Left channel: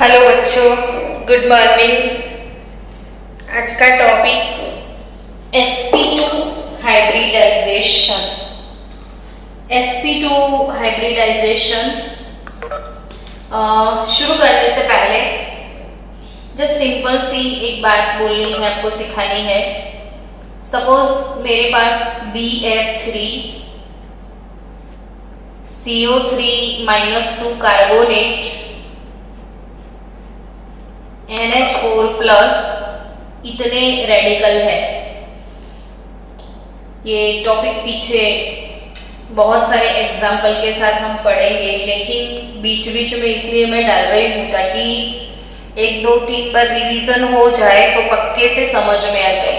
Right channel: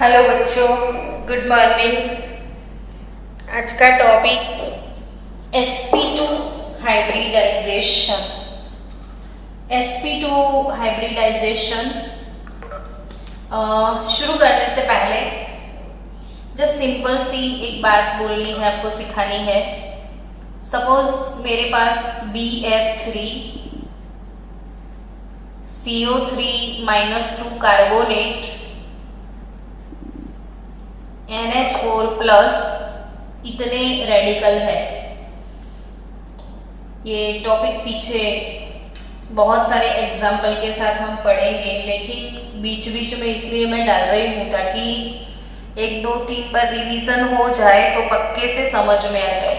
Hello बच्चों, good morning. आज का topic sp2 hybridisation. sp2 hybridisation शुरू करने से पहले जस्ट सिंपल सी एक बात बोलनी है, आपको सिखानी है। सपोज मेरे पास BF3 CO3-2 carbonate NH4 plus इतने रेडिकल है। ये टॉपिक पीछे बहुत सारे एग्जाम्पल के साथ हम पढ़ेंगे, लेकिन बीच बीच में इसलिए मैं डाल रही हूँ ताकि 1, 2, 3 पर रिवीजन हो जाए तो पक्के से समझ में आ जाए।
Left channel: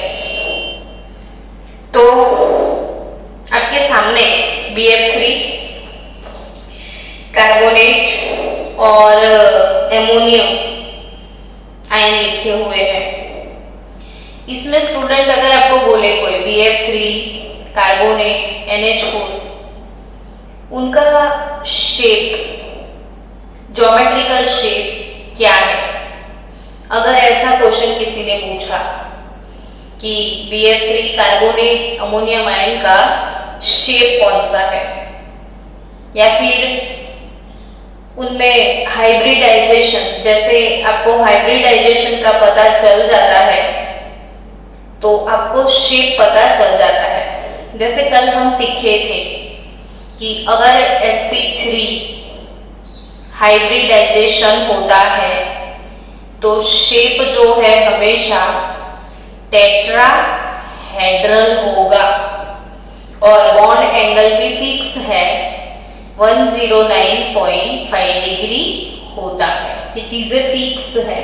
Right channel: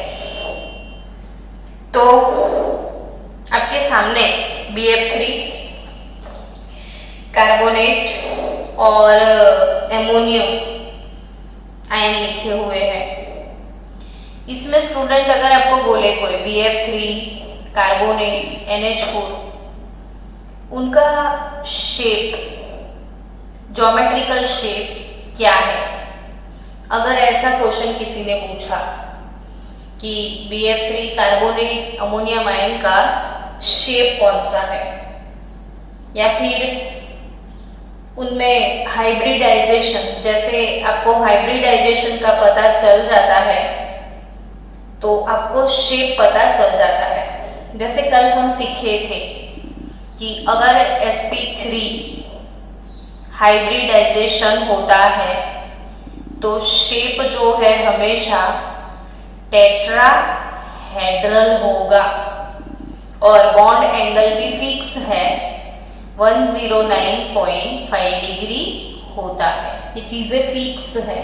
तो आपके सामने BF3 कार्बोनेट और एमोनियम आयन लिखे हुए हैं। इसमें स्टूडेंट अगर आपको बोले कोई BF3 कार्बोनेट NH4, उनका शेप, ज्योमेट्रिकल शेप क्या है? अगर ऐसा क्वेश्चन किसी ने पूछा कि BF3 कार्बोनेट अमोनियम आयन का शेप कौन सा है, या फिर उनमें हाइब्रिडाइजेशन, जैसे आपको हाइब्रिडाइजेशन का पता चल जाता है तो आपको शेप पता चल जाता है। जैसे कल हम सीखे थे कि अगर sp3 हाइब्रिडाइजेशन होता है तो शेप जो है हमेशा टेट्राहेड्रल होगा और बॉन्ड एंगल भी फिक्स है, 109.5 डिग्री होता है। ये चीजें फिक्स है।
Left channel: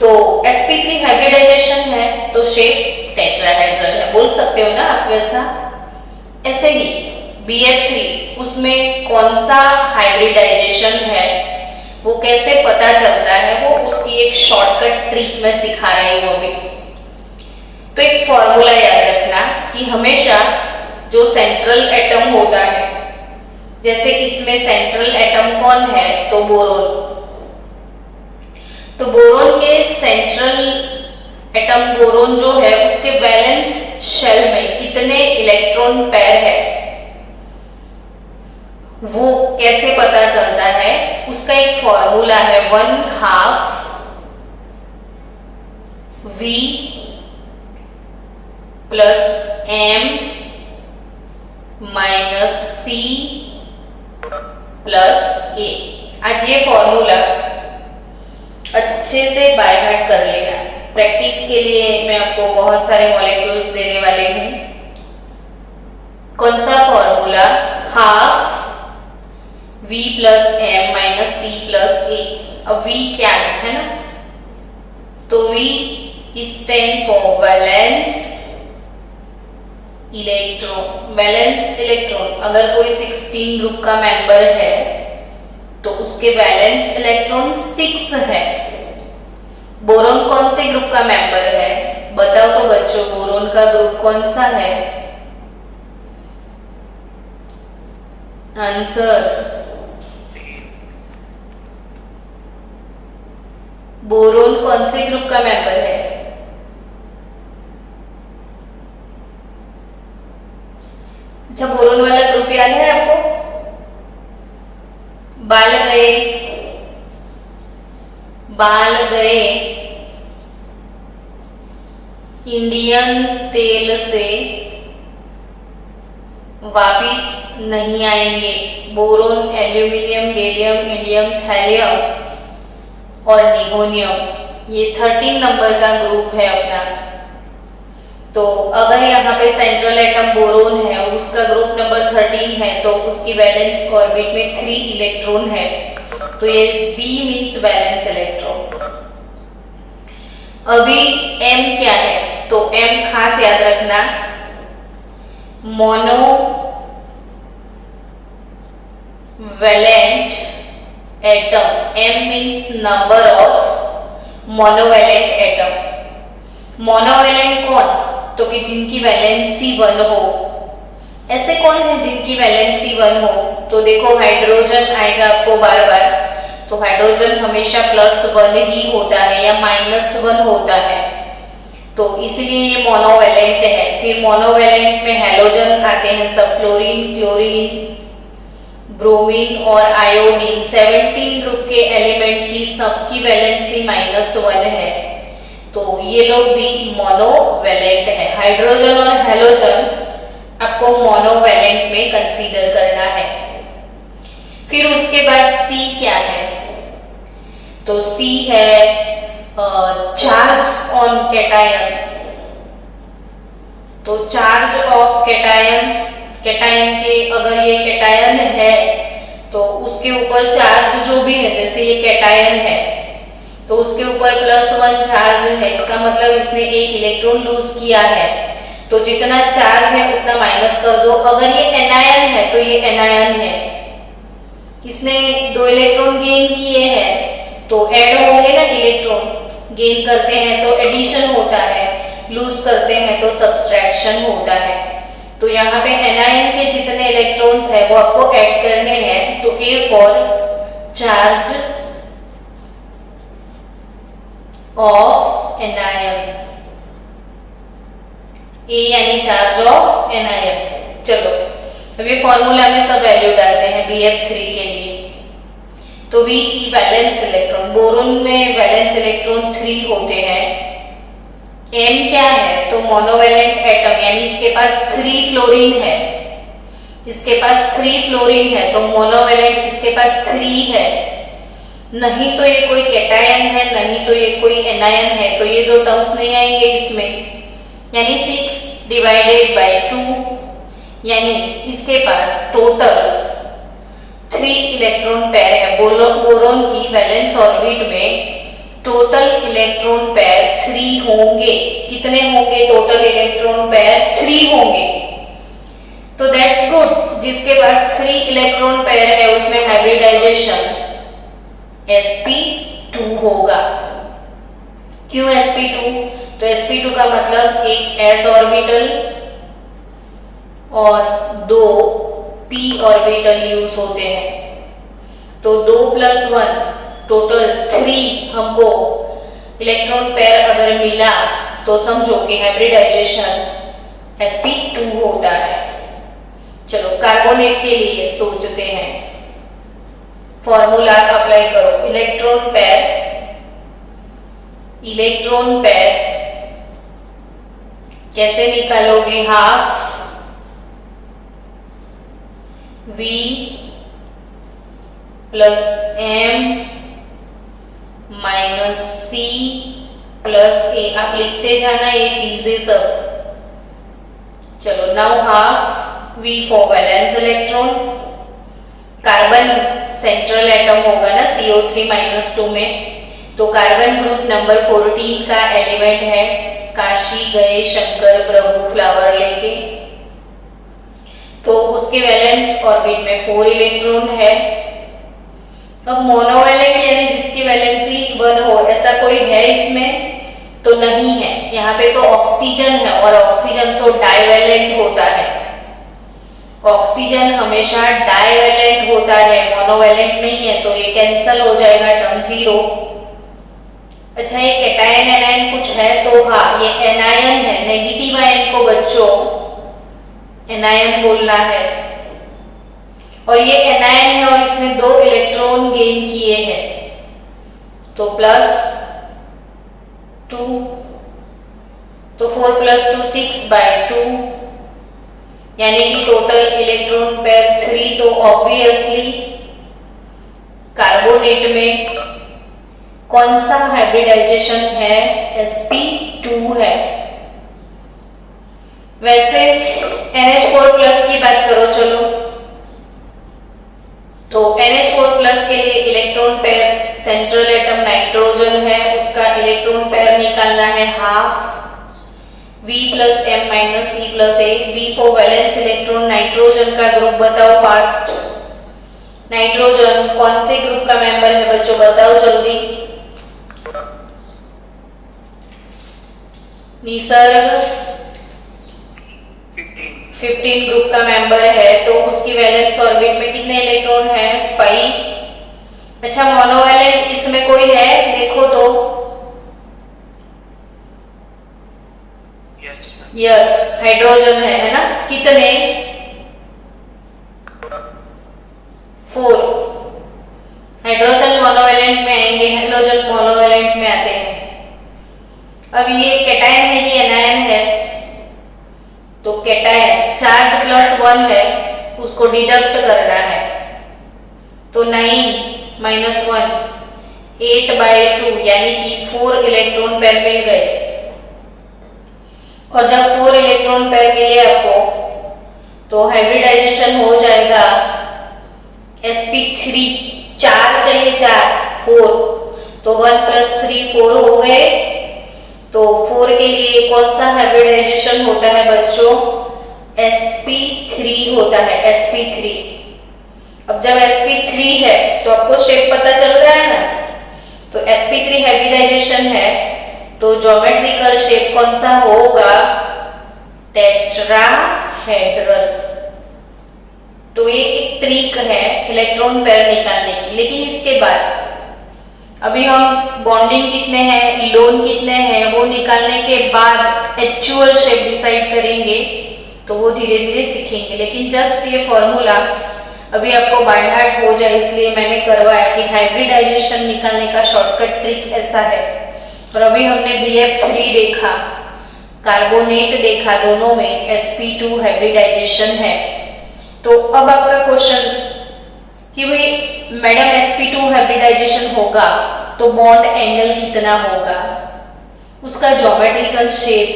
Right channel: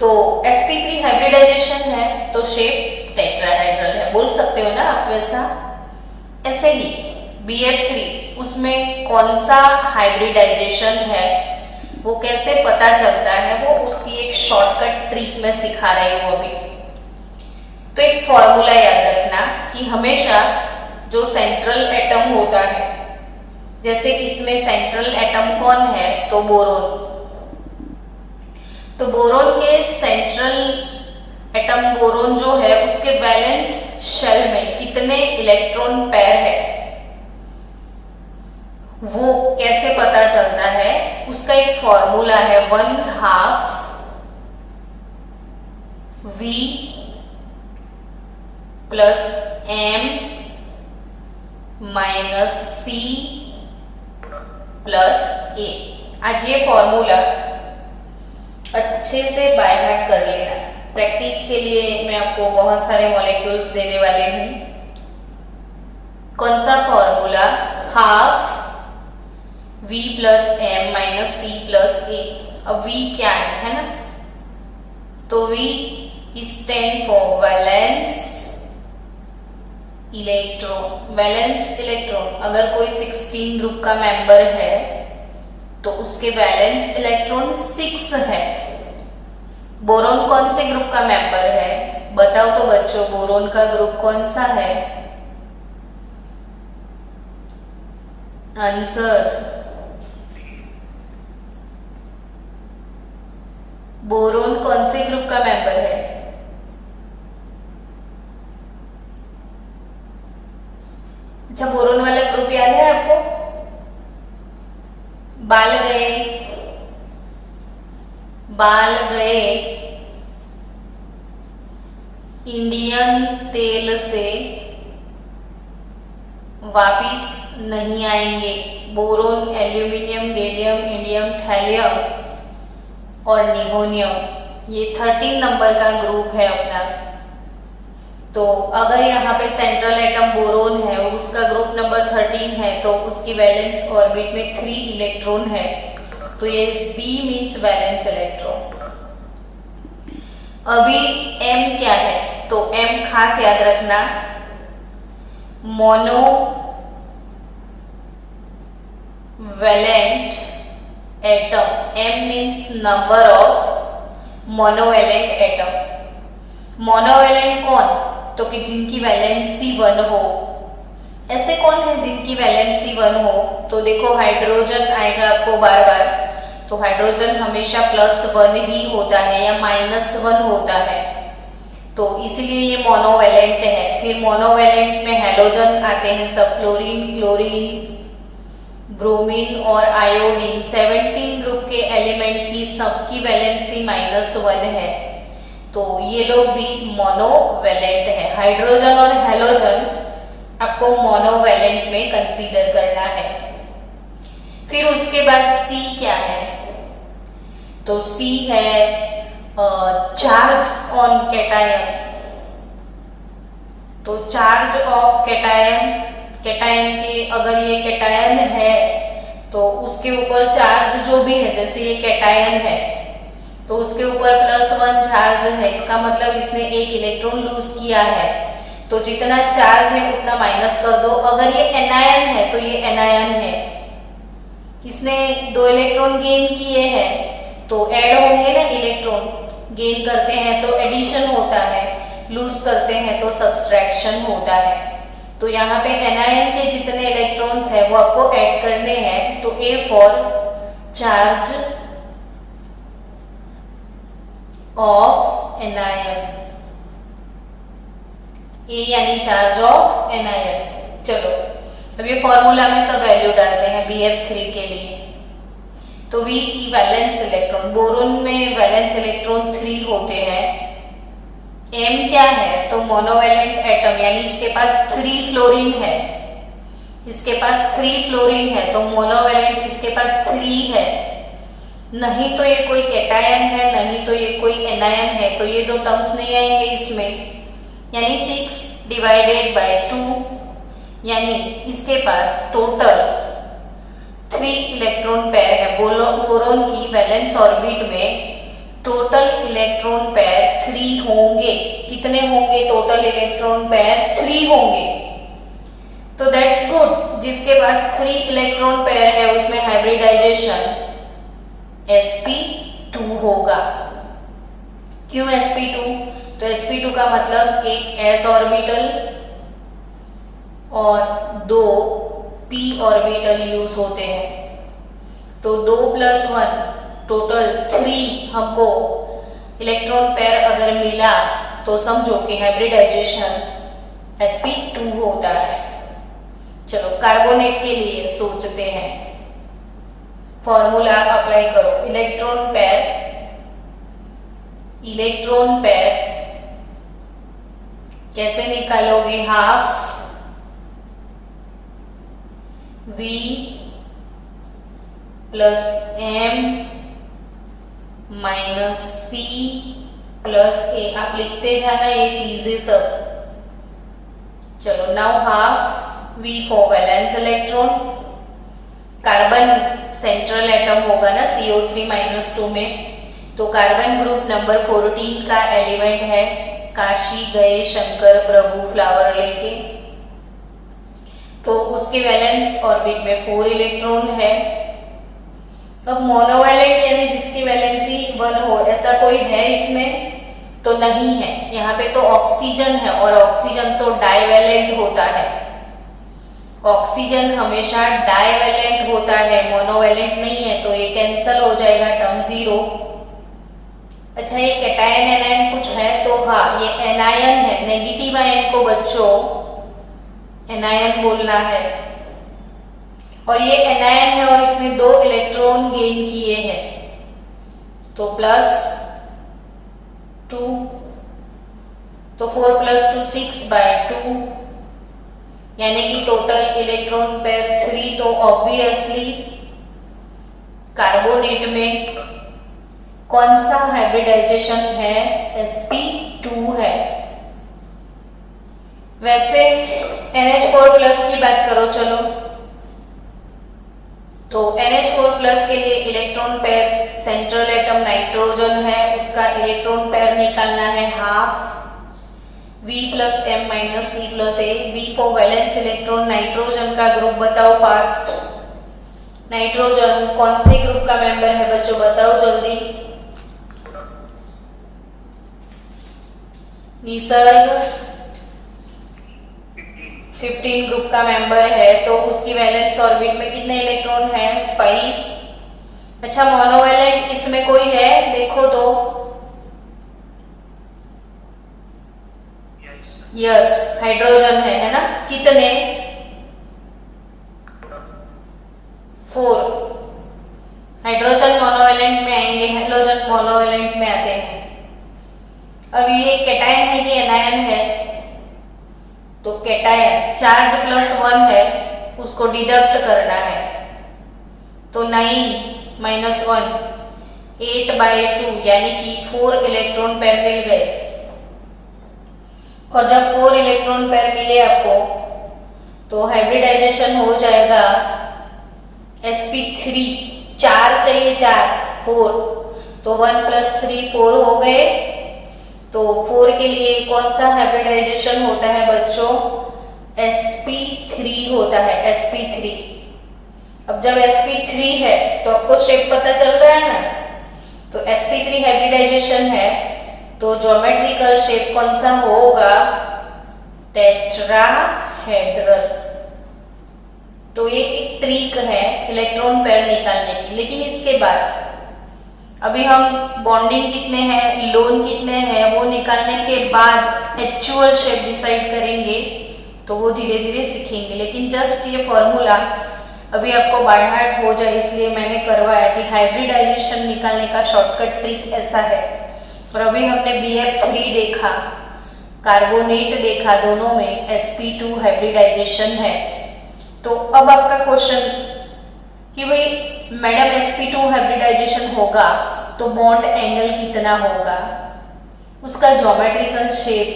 तो sp3 हाइब्रिडाइजेशन है तो शेप टेट्राहेड्रल है, बोल सकते हो ना आप वैसा। ऐसे ही BF3, उसमें कौन सा हाइब्रिडाइजेशन है वो कैसे पता चलता है, वो उसकी एक शॉर्टकट ट्रिक में सिखा रही हूँ अभी। तो एक फॉर्मूला याद रखना कि हमेशा जो सेंट्रल एटम होता है, जैसे इसमें सेंट्रल एटम कौन है तो बोरोन, तो बोरोन के सेंट्रल एटम बोरोन जो है उसके वैलेंस शेल में कितने इलेक्ट्रॉन पेयर है वो कैसे पता चलता है, उसका एक फॉर्मूला है 1/2 V plus M minus C plus A। आज ये फॉर्मूला अच्छे से बाय हार्ट कर लेना। प्रैक्टिस के लिए मैं आपको बहुत सारे मॉलिक्यूल्स देने वाले हूं। कौन सा formula? 1/2 V plus M minus C plus A। अब V क्या है ना, तो V stand for valence electron. Valence electron, अगर कोई 16 ग्रुप का मेंबर है तो उसके वैलेंस इलेक्ट्रॉन 6 है। बोरोन कौन से ग्रुप का मेंबर है? बताओ तो बच्चों, बोरोन का ग्रुप कौन सा है? आंसर, बोरोन कौन से ग्रुप का मेंबर है? अच्छा, बोरोन वाला ग्रुप याद है आपको? बाल गए इंडियन तेल से वापिस नहीं आएंगे। Boron, aluminium, gallium, indium, thallium और निगोनियम, ये 13 नंबर का ग्रुप है अपना। तो अगर यहाँ पे सेंट्रल एटम बोरोन है और उसका ग्रुप नंबर 13 है तो उसकी वैलेंस ऑर्बिट में 3 इलेक्ट्रॉन है, तो ये V मीन्स वैलेंस इलेक्ट्रॉन। अभी M क्या है? तो M खास याद रखना, monovalent atom. M means number of monovalent atom. Monovalent कौन? तो कि जिनकी वैलेंसी 1 हो। ऐसे कौन है जिनकी वैलेंसी 1 हो? तो देखो हाइड्रोजन आएगा आपको बार बार, तो हाइड्रोजन हमेशा +1 ही होता है या -1 होता है, तो इसलिए ये मोनोवैलेंट है। फिर मोनोवैलेंट में हैलोजन आते हैं सब, फ्लोरीन, क्लोरीन, ब्रोमीन और आयोडीन। 17 ग्रुप के एलिमेंट की सबकी वैलेंसी -1 है, तो ये लोग भी मोनोवैलेंट है। हाइड्रोजन और हैलोजन आपको मोनोवैलेंट में कंसीडर करना है। फिर उसके बाद C क्या है, तो C है चार्ज ऑन कैटायन। तो चार्ज ऑफ कैटायन, कैटायन के अगर ये कैटायन है तो उसके ऊपर चार्ज जो भी है, जैसे ये कैटायन है तो उसके ऊपर +1 चार्ज है, इसका मतलब इसने एक इलेक्ट्रॉन लूज किया है, तो जितना चार्ज है उतना माइनस कर दो। अगर ये एनायन है तो ये एनायन है, इसने 2 इलेक्ट्रॉन गेन किए हैं तो ऐड होंगे ना इलेक्ट्रॉन, गेन करते हैं तो एडिशन होता है, लूज करते हैं तो सब्सट्रैक्शन होता है। तो यहाँ पे एनायन के जितने इलेक्ट्रॉन्स है वो आपको ऐड करने हैं, तो A for charge of anion, A यानी चार्ज ऑफ एनायन। चलो अभी फॉर्मूला में सब वैल्यू डालते हैं BF3 के लिए। तो V की वैलेंस इलेक्ट्रॉन, बोरोन में वैलेंस इलेक्ट्रॉन 3 होते हैं। M क्या है, तो मोनोवैलेंट एटम, यानी इसके पास 3 फ्लोरीन है, इसके पास 3 फ्लोरीन है, तो मोनोवैलेंट इसके पास 3 है। नहीं तो ये कोई कैटायन है, नहीं तो ये कोई एनायन है, तो ये 2 टर्म्स नहीं आएंगे इसमें, यानी 6 डिवाइडेड बाय 2, यानी इसके पास टोटल 3 इलेक्ट्रॉन पेयर है। बोरोन की वैलेंस ऑर्बिट में टोटल इलेक्ट्रॉन पेयर 3 होंगे। कितने होंगे टोटल इलेक्ट्रॉन पेयर? 3 होंगे। तो दैट्स गुड, जिसके पास 3 इलेक्ट्रॉन पेयर है उसमें हाइब्रिडाइजेशन sp2 होगा। क्यों sp2? तो sp2 का मतलब एक s ऑर्बिटल और 2 p ऑर्बिटल यूज होते हैं, तो 2 + 1 टोटल 3 हमको इलेक्ट्रॉन पेयर अगर मिला तो समझो कि हाइब्रिडाइजेशन sp2 होता है। चलो कार्बोनेट के लिए सोचते हैं, फॉर्मूला अप्लाई करो। इलेक्ट्रॉन पेयर कैसे निकालोगे? Half V plus M minus C plus A। आप लिखते जाना ये चीजें सब। चलो now half V for valence electron, carbon central atom होगा ना CO3-2 में, तो कार्बन ग्रुप नंबर 14 का एलिमेंट है। काशी गए शंकर प्रभु फ्लावर लेके, तो उसके वैलेंस ऑर्बिट में 4 इलेक्ट्रॉन है। अब मोनोवैलेंट यानी जिसकी वैलेंसी 1 हो, ऐसा कोई है इसमें? तो नहीं है। यहाँ पे तो ऑक्सीजन है और ऑक्सीजन तो डाइवैलेंट होता है, ऑक्सीजन हमेशा डाइवैलेंट होता है, मोनोवैलेंट नहीं है, तो ये कैंसल हो जाएगा, टर्म 0। अच्छा ये कैटायन एनायन कुछ है तो हाँ, ये एनायन है, नेगेटिव आयन को बच्चों एनायन बोलना है, और ये एनायन है और इसने 2 इलेक्ट्रॉन गेन किए हैं, तो +2, तो 4 + 2 6/2, यानी कि टोटल इलेक्ट्रॉन पेयर 3। तो ऑब्वियसली कार्बोनेट में कौन सा हाइब्रिडाइजेशन है? sp2 है। वैसे NH4+ की बात करो चलो, तो NH4+ के लिए electron pair central atom nitrogen है, उसका इलेक्ट्रॉन पेयर निकालना है half V + M - C + A। V for valence electron, nitrogen का ग्रुप बताओ फास्ट। नाइट्रोजन कौन से ग्रुप का मेंबर है बच्चों, बताओ जल्दी। निसर्ग 15 ग्रुप का मेंबर है, तो उसकी वैलेंस ऑर्बिट में कितने इलेक्ट्रॉन है? 5। अच्छा, मोनोवेलेंट इसमें कोई है? देखो तो। यस, हाइड्रोजन है ना? कितने? 4। हाइड्रोजन मोनोवेलेंट में आएंगे, हाइड्रोजन मोनोवेलेंट में आते हैं। अब ये कैटायन है कि एनायन है? तो कैटायन, चार्ज +1 है, उसको डिडक्ट करना है। तो 9 - 1 8/2 यानी कि 4 इलेक्ट्रॉन पेयर मिल गए। और जब 4 इलेक्ट्रॉन पेयर मिले आपको तो हाइब्रिडाइजेशन हो जाएगा sp3। 4 चाहिए, 4 तो 1 + 3 4 हो गए। तो 4 के लिए कौन सा हाइब्रिडाइजेशन होता है बच्चों? sp3 होता है, sp3। अब जब sp3 है तो आपको शेप पता चल रहा है ना? तो sp3 हाइब्रिडाइजेशन है तो ज्योमेट्रिकल शेप कौन सा होगा? टेट्राहेड्रल। तो ये एक ट्रिक है इलेक्ट्रॉन पेयर निकालने की। लेकिन इसके बाद अभी हम बॉन्डिंग कितने हैं, लोन कितने हैं, वो निकालने के बाद एक्चुअल शेप डिसाइड करेंगे। तो वो धीरे धीरे सीखेंगे। लेकिन जस्ट ये फॉर्मूला अभी आपको बाय हार्ट हो जाए इसलिए मैंने करवाया कि हाइब्रिडाइजेशन निकालने का शॉर्टकट ट्रिक ऐसा है। और अभी हमने BF3 देखा, कार्बोनेट देखा, दोनों में sp2 हाइब्रिडाइजेशन है। तो अब आपका क्वेश्चन कि भाई मैडम sp2 हाइब्रिडाइजेशन होगा तो बॉन्ड एंगल कितना होगा, उसका ज्योमेट्रिकल शेप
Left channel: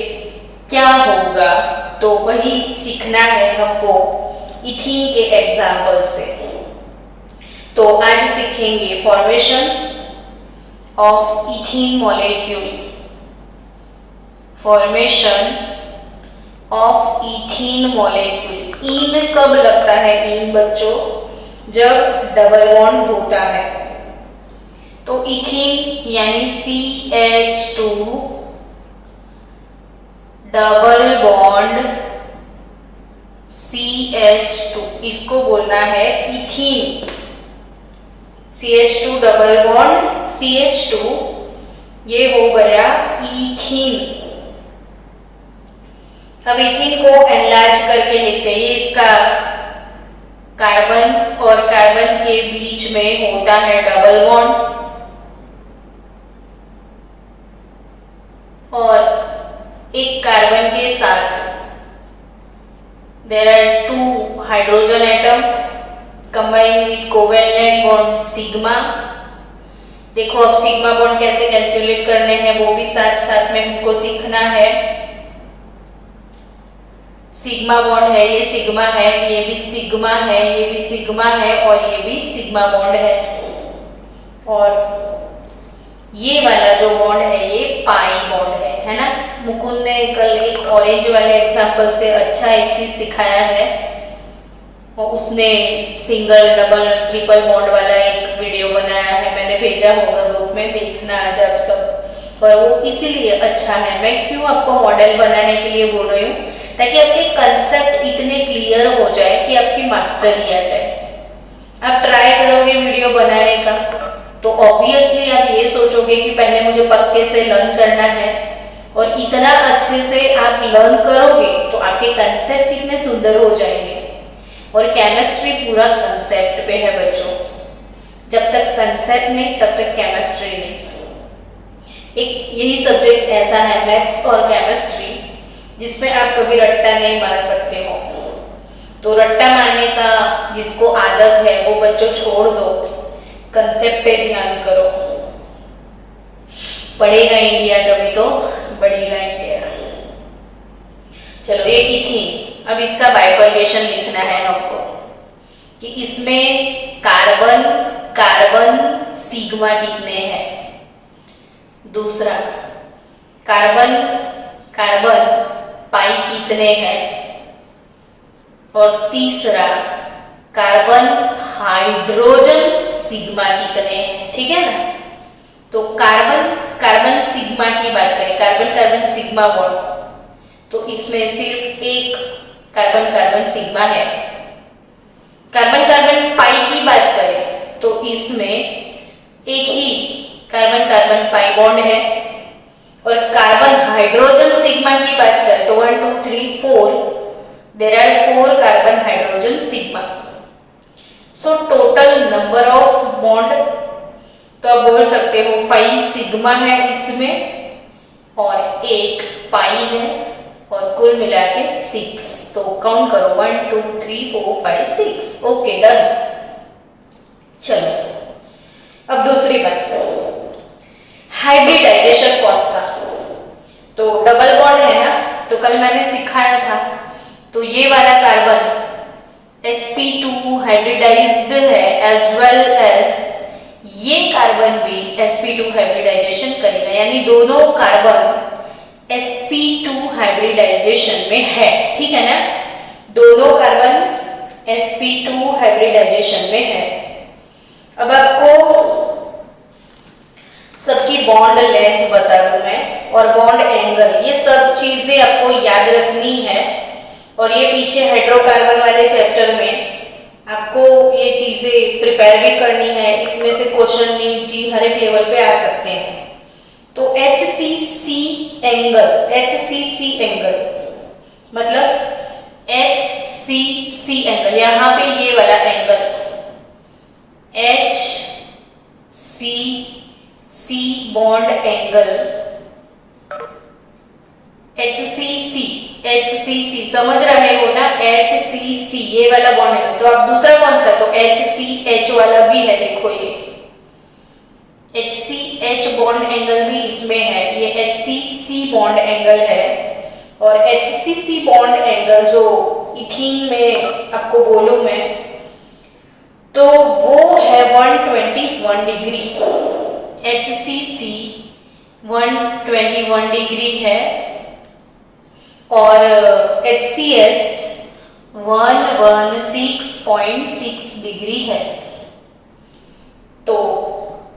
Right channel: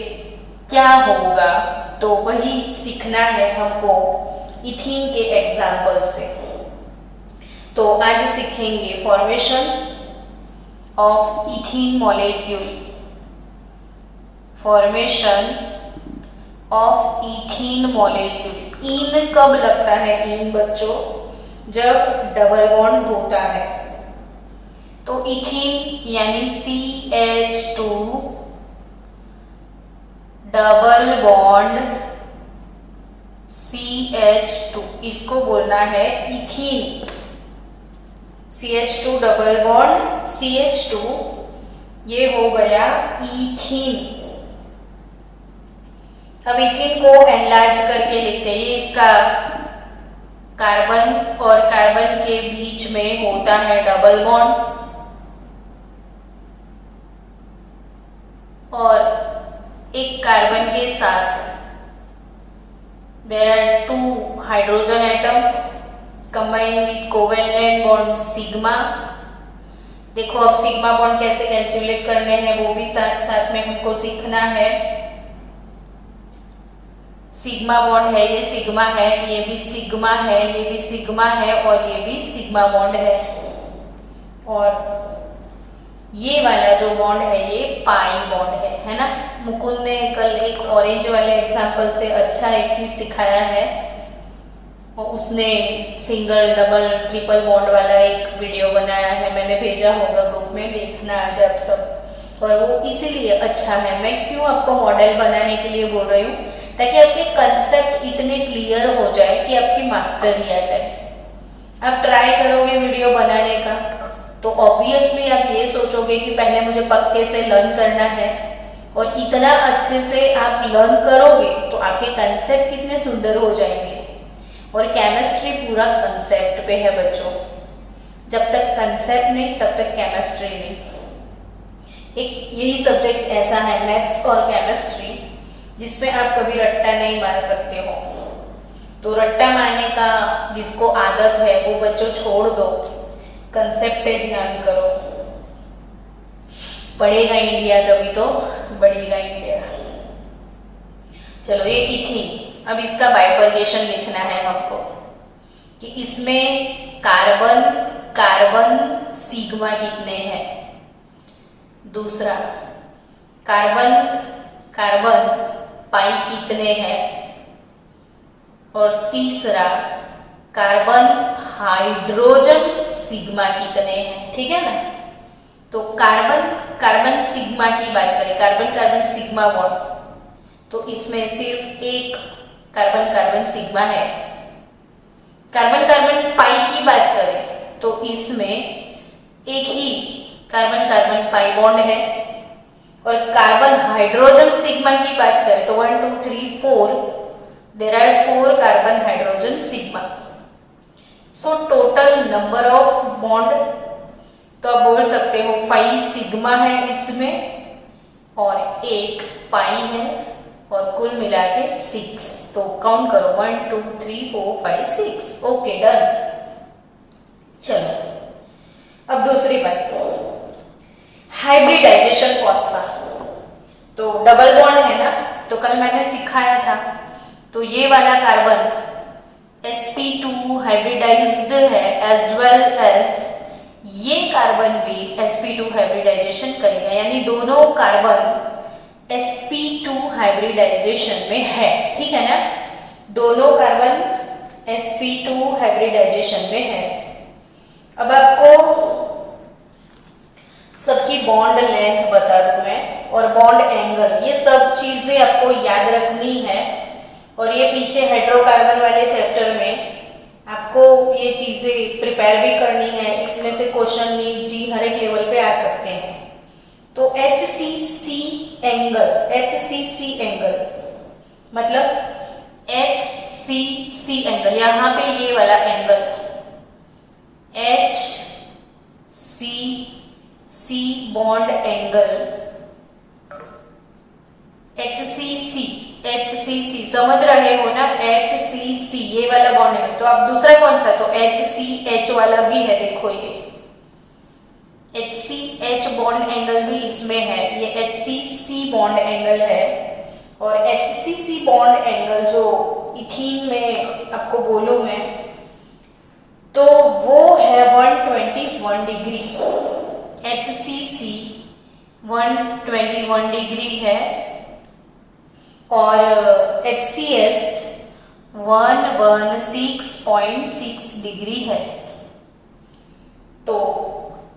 क्या होगा, तो वही सीखना है हमको इथीन के एग्जाम्पल से। तो आज सीखेंगे formation of ethene molecule. Formation of ethene molecule. इन कब लगता है? इन बच्चों जब डबल बॉन्ड होता है। तो इथीन यानी CH2 डबल बॉन्ड CH2, इसको बोलना है ethene. CH2 double bond CH2, ये हो गया इथीन। अब इथीन को एनलार्ज करके लिखते हैं। ये इसका कार्बन और कार्बन के बीच में होता है डबल बॉन्ड और एक कार्बन के साथ there are 2 hydrogen atom combined with covalent bond sigma। देखो अब सिग्मा बॉन्ड कैसे कैलकुलेट करने हैं वो भी साथ साथ में हमको सीखना है। सिग्मा बॉन्ड है, ये सिग्मा है, ये भी सिग्मा है, ये भी सिग्मा है और ये भी सिग्मा बॉन्ड है। और ये वाला जो बॉन्ड है ये पाई बॉन्ड है ना? मुकुंद ने कल एक ऑरेंज वाले एग्जांपल से अच्छा एक चीज सिखाया है और उसने सिंगल डबल ट्रिपल बॉन्ड वाला एक वीडियो बनाया है, मैंने भेजा होगा ग्रुप में, देखना आज आप सब। और वो इसीलिए अच्छा है, मैं क्यों आपको मॉडल बनाने के लिए बोल रही हूँ, ताकि आपके कंसेप्ट इतने क्लियर हो जाए कि आपकी मास्टरी आ जाए। आप ट्राई करोगे वीडियो बनाने का तो ऑब्वियसली आप ये सोचोगे कि पहले मुझे पक्के से लर्न करना है, और इतना अच्छे से आप लर्न करोगे तो आपके कंसेप्ट कितने सुंदर हो जाएंगे। और केमिस्ट्री पूरा कंसेप्ट पे है बच्चों, जब तक कंसेप्ट नहीं तब तक केमिस्ट्री नहीं। एक यही सब्जेक्ट ऐसा है मैथ्स और केमिस्ट्री जिसमें आप कभी रट्टा नहीं मार सकते हो। तो रट्टा मारने का जिसको आदत है वो बच्चों छोड़ दो, कंसेप्ट पे ध्यान करो। पढ़ेगा इंडिया तभी तो बढ़ेगा इंडिया। चलो ये इथीन, अब इसका बाइफरकेशन लिखना है हमको कि इसमें कार्बन कार्बन सिग्मा कितने हैं। दूसरा कार्बन कार्बन पाई कितने हैं। और तीसरा कार्बन हाइड्रोजन सिग्मा कितने हैं। ठीक है ना? तो कार्बन कार्बन सिग्मा की बात करें, कार्बन कार्बन सिग्मा बॉन्ड, तो इसमें सिर्फ एक कार्बन कार्बन सिग्मा है। कार्बन कार्बन पाई की बात करें तो इसमें एक ही कार्बन कार्बन पाई बॉन्ड है। और कार्बन हाइड्रोजन सिग्मा की बात करें तो 1 2 3 4 there are 4 carbon hydrogen sigma. So total number of bond तो आप बोल सकते हो 5 सिग्मा है इसमें और 1 पाई है और कुल मिला के 6। तो काउंट करो 1 2 3 4 5 6। Okay done. चलो अब दूसरी बात, हाइब्रिडाइजेशन कौन सा? तो डबल बॉन्ड है ना, तो कल मैंने सिखाया था। तो ये वाला कार्बन sp2 हाइब्रिडाइज्ड है एज वेल एज ये कार्बन भी sp2 हाइब्रिडाइजेशन करेगा, यानी दोनों कार्बन sp2 हाइब्रिडाइजेशन में है। ठीक है ना, दोनों कार्बन sp2 हाइब्रिडाइजेशन में है। अब आपको सबकी बॉन्ड लेंथ बता दूं मैं और बॉन्ड एंगल, ये सब चीजें आपको याद रखनी है। और ये पीछे हाइड्रोकार्बन वाले चैप्टर में आपको ये चीजें प्रिपेयर भी करनी है। इसमें से क्वेश्चन नीट जी हर एक लेवल पे आ सकते हैं। तो HCC एंगल मतलब HCC एंगल, यहां पे ये वाला angle HCC bond angle HCC समझ रहे हो ना, HCC ये वाला बॉन्ड एंगल। तो अब दूसरा कौन सा? तो HCH वाला भी है, देखो ये HCH बॉन्ड एंगल भी इसमें है, ये HCC बॉन्ड एंगल है। और HCC बॉन्ड एंगल जो इथीन में आपको बोलूं मैं, तो वो है 121 डिग्री। HCC 121 डिग्री है और HCS 116.6 डिग्री है। तो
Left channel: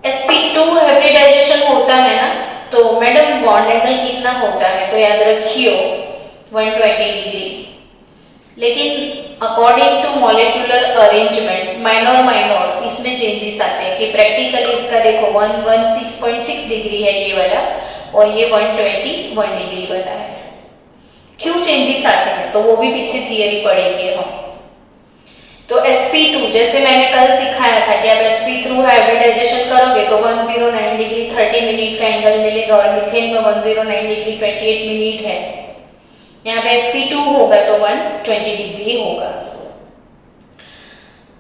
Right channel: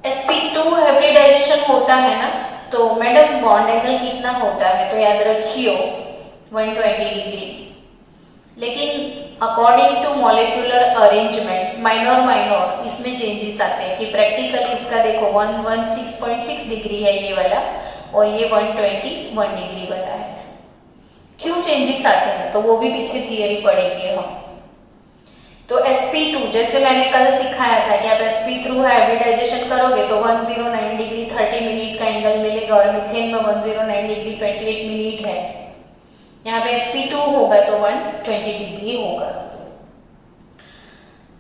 sp2 हाइब्रिडाइजेशन होता है ना, तो मैडम बॉन्ड एंगल कितना होता है? तो याद रखियो 120 डिग्री। लेकिन according to molecular arrangement minor इसमें चेंजेस आते हैं कि प्रैक्टिकली इसका देखो 116.6 डिग्री है ये वाला और ये 121 डिग्री वाला है। क्यों चेंजेस आते हैं तो वो भी पीछे थियरी पढ़ेंगे हम। तो sp2 जैसे मैंने कल सिखाया था कि आप sp2 हाइब्रिडाइजेशन करोगे तो 109 डिग्री 30 मिनट का एंगल मिलेगा और मीथेन में 109 डिग्री 28 मिनट है। यहाँ पे sp2 होगा तो 120 डिग्री होगा।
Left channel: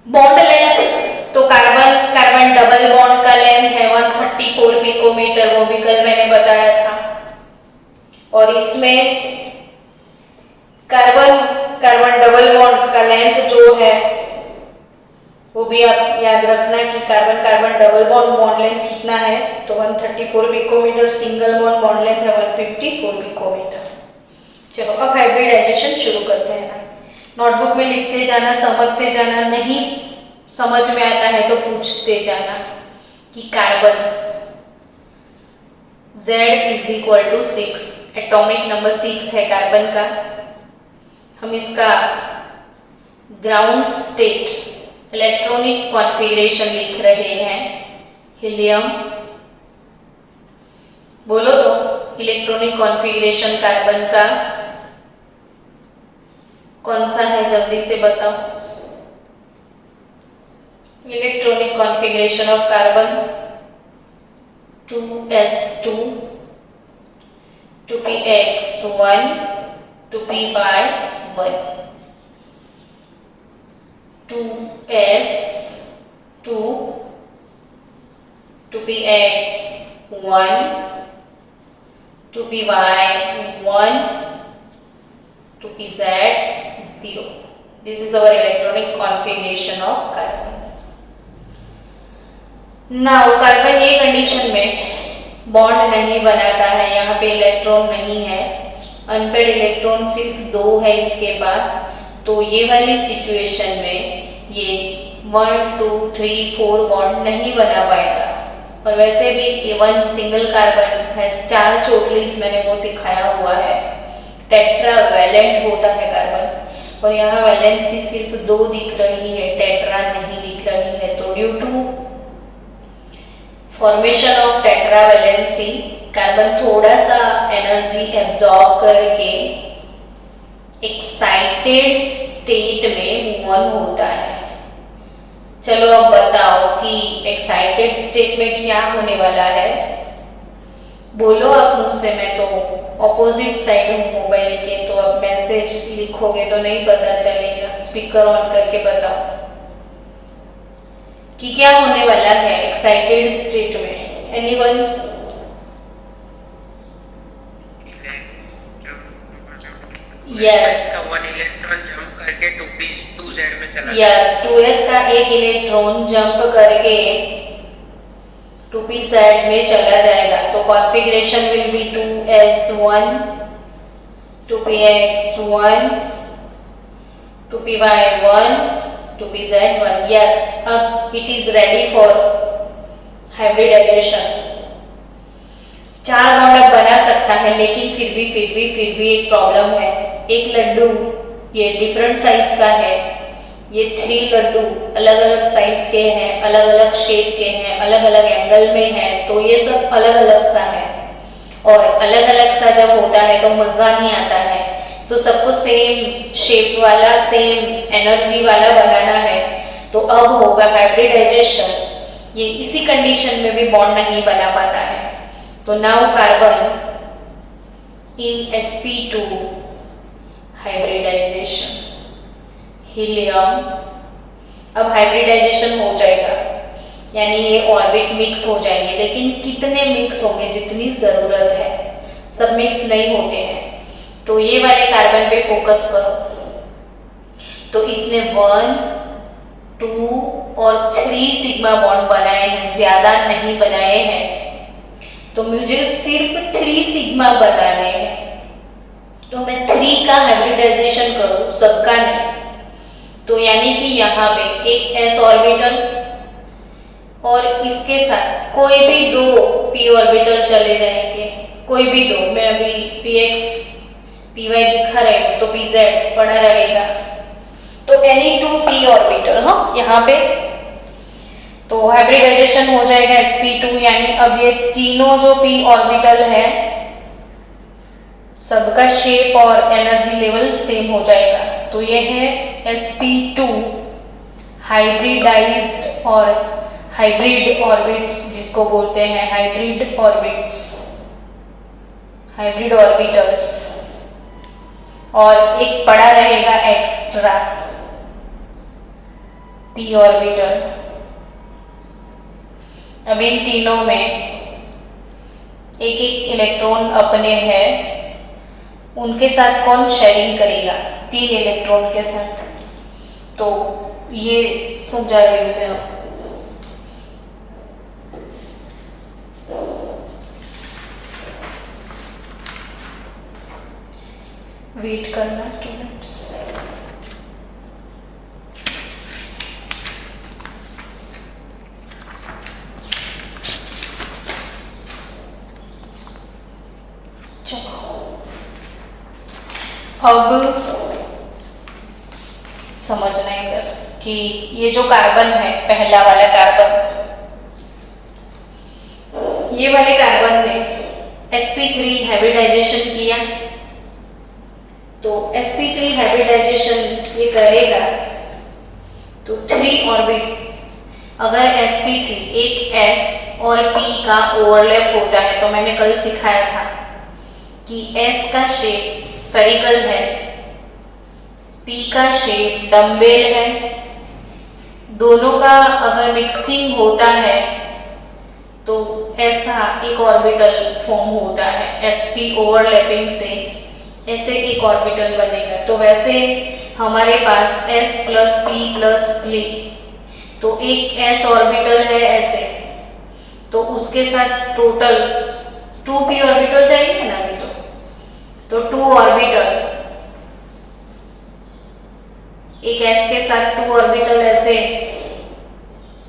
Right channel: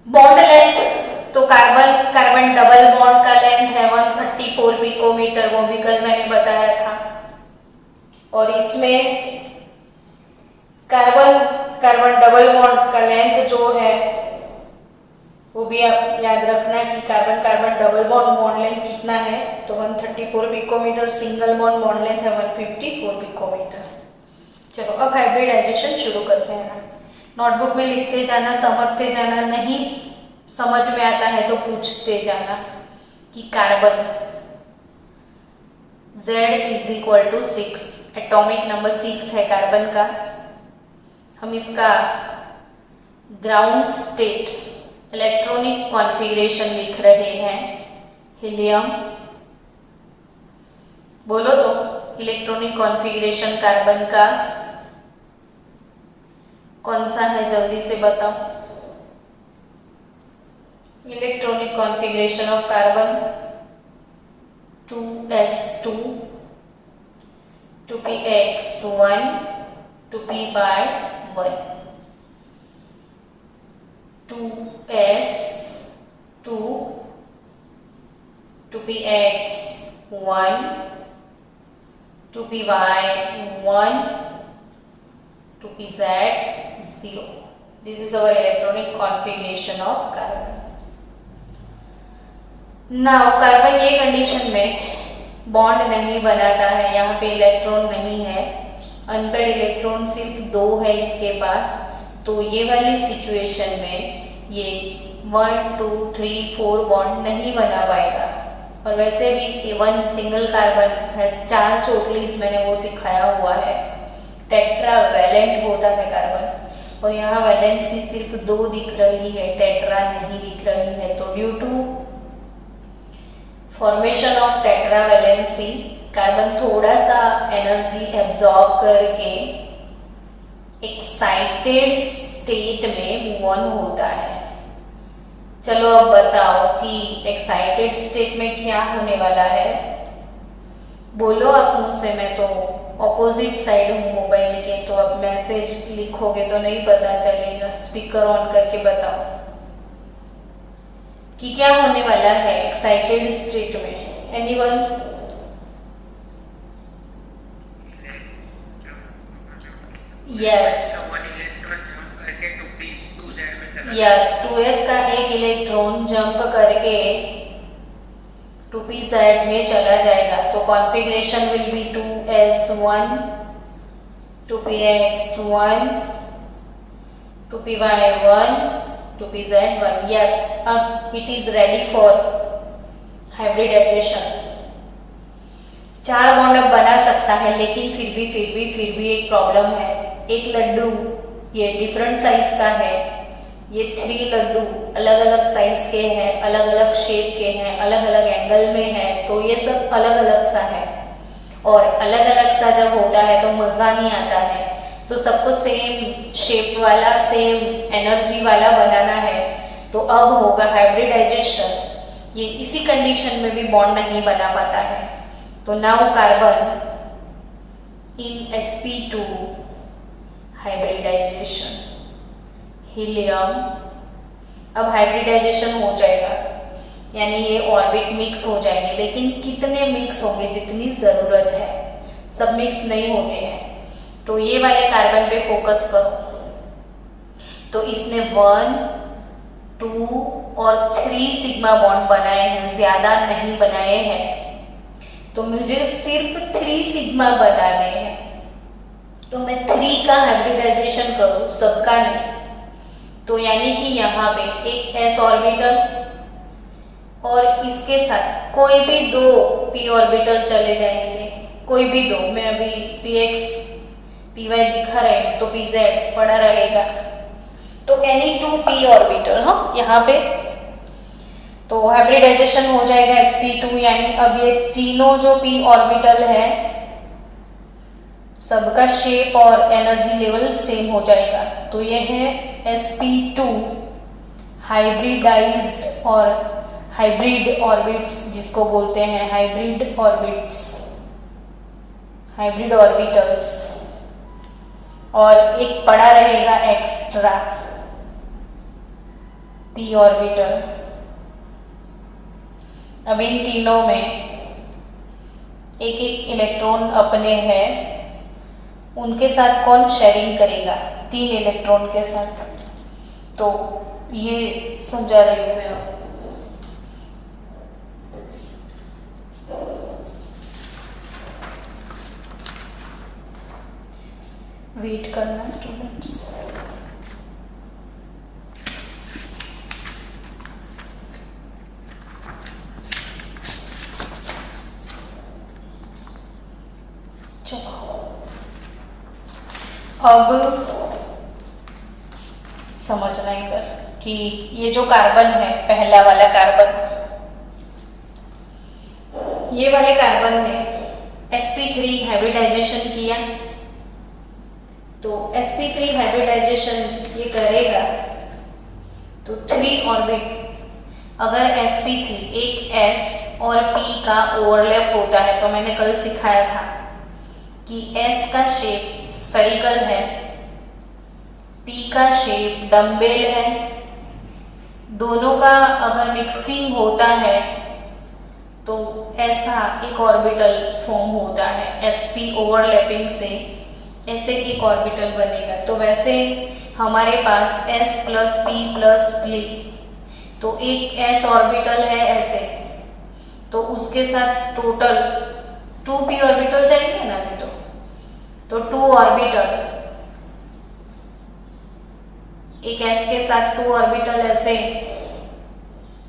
बॉन्ड लेंथ तो कार्बन कार्बन डबल बॉन्ड का लेंथ है 134 पिकोमीटर, वो भी कल मैंने बताया था। और इसमें कार्बन कार्बन डबल बॉन्ड का लेंथ जो है वो भी आप याद रखना कि carbon carbon double bond length कितना है, तो 134 पिकोमीटर। सिंगल बॉन्ड लेंथ है 154 पिकोमीटर। चलो अब हाइब्रिडाइजेशन शुरू करते हैं। नोटबुक में लिखते जाना, समझते जाना, नहीं समझ में आता है तो पूछते जाना कि कार्बन Z = 6, एटॉमिक नंबर 6 है कार्बन का। हम इसका ग्राउंड स्टेट इलेक्ट्रॉनिक कॉन्फ़िगरेशन लिख रहे हैं, हीलियम। बोलो तो इलेक्ट्रॉनिक कॉन्फ़िगरेशन कार्बन का कौन सा है, जल्दी से बताओ। Electronic configuration of carbon 2s2 2px1 2p1 2s2 2px1 2py1 2pz0. This is our electronic configuration of carbon. Now carbon ये कंडीशन में बॉन्ड नहीं बनाता है, यहाँ पे इलेक्ट्रॉन नहीं है, अनपेड इलेक्ट्रॉन सिर्फ 2 है इसके पास। तो ये वाली सिचुएशन में ये 1 2 3 4 बॉन्ड नहीं बना पाएगा। और वैसे भी 1 सिंगल कार्बन है 4 चोटलीस, मैंने वो सिखाया हुआ है। टेट्रा वैलेंट होता है कार्बन और यहाँ वैलेंसी सिर्फ 2 दिख रही है, टेट्रा नहीं दिख रही है। तो due to formation of tetravalency, carbon थोड़ा सा एनर्जी एब्जॉर्ब करके एक्साइटेड स्टेट में मूव ऑन होता है। चलो अब बताओ कि एक्साइटेड स्टेट में क्या होने वाला है। बोलो आप मुंह से, मैं तो ऑपोजिट साइड हूँ मोबाइल के, तो अब मैसेज लिखोगे तो नहीं पता चलेगा। स्पीकर ऑन करके बताओ कि क्या होने वाला है एक्साइटेड स्टेट में। एनीवन? यस, 2s का एक इलेक्ट्रॉन जंप करके 2p साइड में चला जाएगा। तो configuration will be 2s1 2px1 2py1 2pz1। Yes, अब it is ready for hybridisation. 4 bond अब बना सकता है, लेकिन फिर भी एक प्रॉब्लम है। एक लड्डू ये डिफरेंट साइज का है, ये 3 लड्डू अलग अलग साइज के हैं, अलग अलग शेप के हैं, अलग अलग एंगल में है, तो ये सब अलग अलग सा है। और अलग अलग सा जब होता है तो मजा नहीं आता है। तो सबको सेम शेप वाला, सेम एनर्जी वाला बनाना है, तो अब होगा हाइब्रिडाइजेशन। ये इसी कंडीशन में भी बॉन्ड नहीं बना पाता है। तो now carbon in sp2 hybridization, helium अब हाइब्रिडाइजेशन हो जाएगा, यानी ये ऑर्बिट मिक्स हो जाएंगे। लेकिन कितने मिक्स होंगे? जितनी जरूरत है, सब मिक्स नहीं होते हैं। तो ये वाले कार्बन पे फोकस करो। तो इसने 1 2 और 3 सिग्मा बॉन्ड बनाए हैं, ज्यादा नहीं बनाए हैं। तो मुझे सिर्फ 3 सिग्मा बनाने हैं, तो मैं 3 का हाइब्रिडाइजेशन करूं, सबका नहीं। तो यानी कि यहाँ पे एक s ऑर्बिटल और इसके साथ कोई भी 2 p ऑर्बिटल चले जाएंगे, कोई भी 2। मैं अभी px py दिखा रही हूँ, तो pz पड़ा रहेगा। तो एनी 2 p ऑर्बिटल, हाँ, यहाँ पे तो हाइब्रिडाइजेशन हो जाएगा sp2। यानी अब ये तीनों जो p ऑर्बिटल है, सबका शेप और एनर्जी लेवल सेम हो जाएगा। तो ये है sp2 हाइब्रिडाइज्ड और हाइब्रिड ऑर्बिट्स, जिसको बोलते हैं हाइब्रिड ऑर्बिट्स, हाइब्रिड ऑर्बिटल्स। और एक पड़ा रहेगा एक्स्ट्रा p ऑर्बिटल। अब इन तीनों में एक एक इलेक्ट्रॉन अपने हैं, उनके साथ कौन शेयरिंग करेगा? 3 इलेक्ट्रॉन के साथ। तो ये समझा रही हूँ मैं। वेट करना स्टूडेंट्स। अब समझना इधर कि ये जो कार्बन है, पहला वाला कार्बन, ये वाले कार्बन ने sp3 हाइब्रिडाइजेशन किया। तो sp3 हाइब्रिडाइजेशन ये करेगा तो 3 ऑर्बिट, अगर sp3 एक s और p का ओवरलैप होता है, तो मैंने कल सिखाया था कि s का शेप स्फेरिकल है, p का शेप डम्बेल है। दोनों का अगर मिक्सिंग होता है तो ऐसा एक ऑर्बिटल फॉर्म होता है, sp ओवरलैपिंग से ऐसे एक ऑर्बिटल बनेगा। तो वैसे हमारे पास s plus p plus p, तो एक s ऑर्बिटल है ऐसे, तो उसके साथ टोटल 2p ऑर्बिटल जाएंगे ना अभी। तो 2 ऑर्बिटल, एक s के साथ 2 ऑर्बिटल ऐसे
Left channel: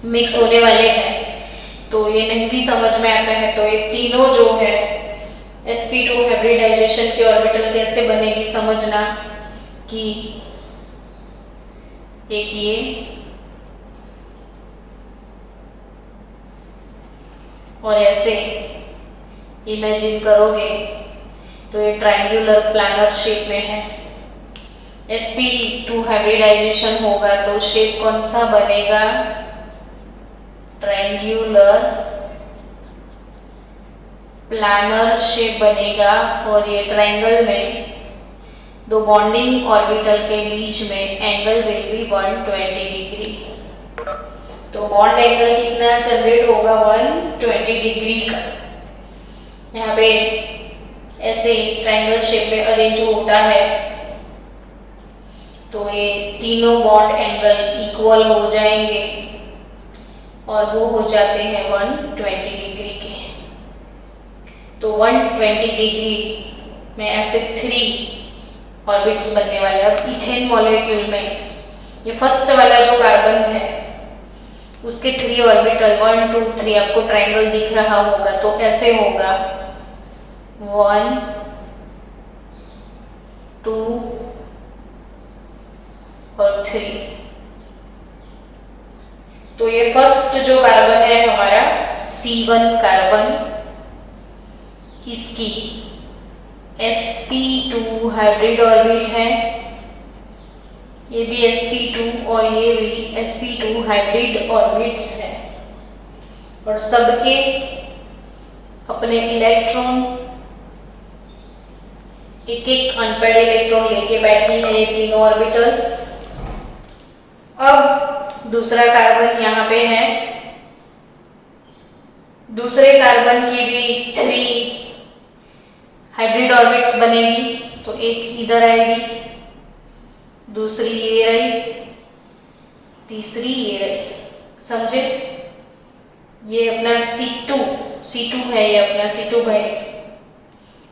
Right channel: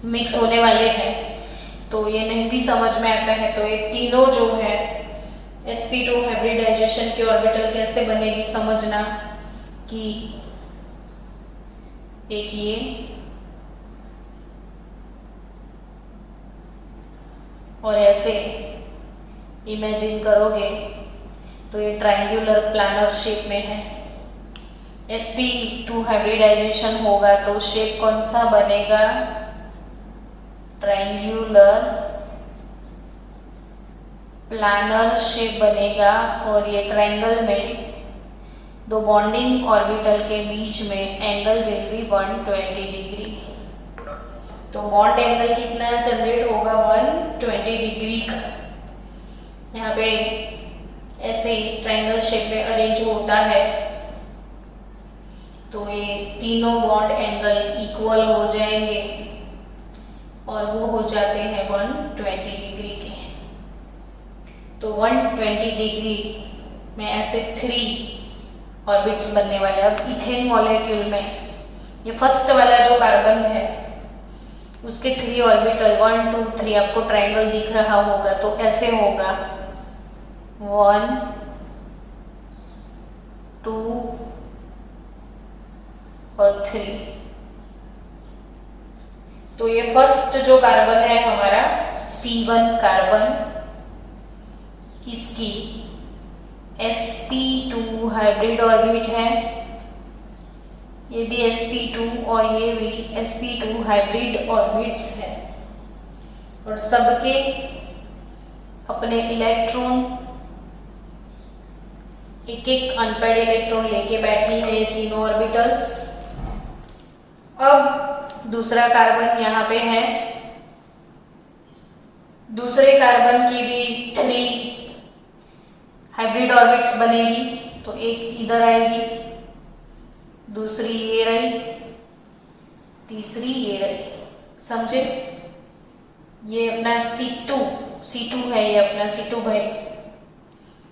मिक्स होने वाले हैं। तो ये नहीं भी समझ में आता है, तो ये तीनों जो है sp2 हाइब्रिडाइजेशन की ऑर्बिटल कैसे बनेगी समझना कि एक ये और ऐसे इमेजिन करोगे तो ये ट्रायंगुलर प्लानर शेप में है। sp2 हाइब्रिडाइजेशन होगा तो शेप कौन सा बनेगा? ट्रायंगुलर प्लानर शेप बनेगा। और ये ट्रायंगल में दो बॉन्डिंग ऑर्बिटल के बीच में एंगल विल बी 120 डिग्री। तो बॉन्ड एंगल कितना जनरेट होगा? 120 डिग्री का। यहाँ पे ऐसे ही ट्रायंगल शेप में अरेंज होता है तो ये तीनों बॉन्ड एंगल इक्वल हो जाएंगे और वो हो जाते हैं 120 डिग्री के। तो 120 डिग्री में ऐसे 3 ऑर्बिट्स बनने वाले। अब इथेन मॉलिक्यूल में ये फर्स्ट वाला जो कार्बन है उसके 3 ऑर्बिटल 1 2 3 आपको ट्रायंगल दिख रहा होगा तो ऐसे होगा 1 2 और 3। तो ये फर्स्ट जो कार्बन है हमारा C1 कार्बन, इसकी sp2 हाइब्रिड ऑर्बिट है। ये भी sp2 और ये भी sp2 हाइब्रिड ऑर्बिट्स है और सबके अपने इलेक्ट्रॉन एक एक अनपेड इलेक्ट्रॉन लेके बैठी है ये तीनों ऑर्बिटल्स। अब दूसरा कार्बन यहाँ पे है। दूसरे कार्बन की भी 3 हाइब्रिड ऑर्बिट्स बनेगी तो एक इधर आएगी, दूसरी ये रही, तीसरी ये रही। समझे? ये अपना C2 है, ये अपना C2 भाई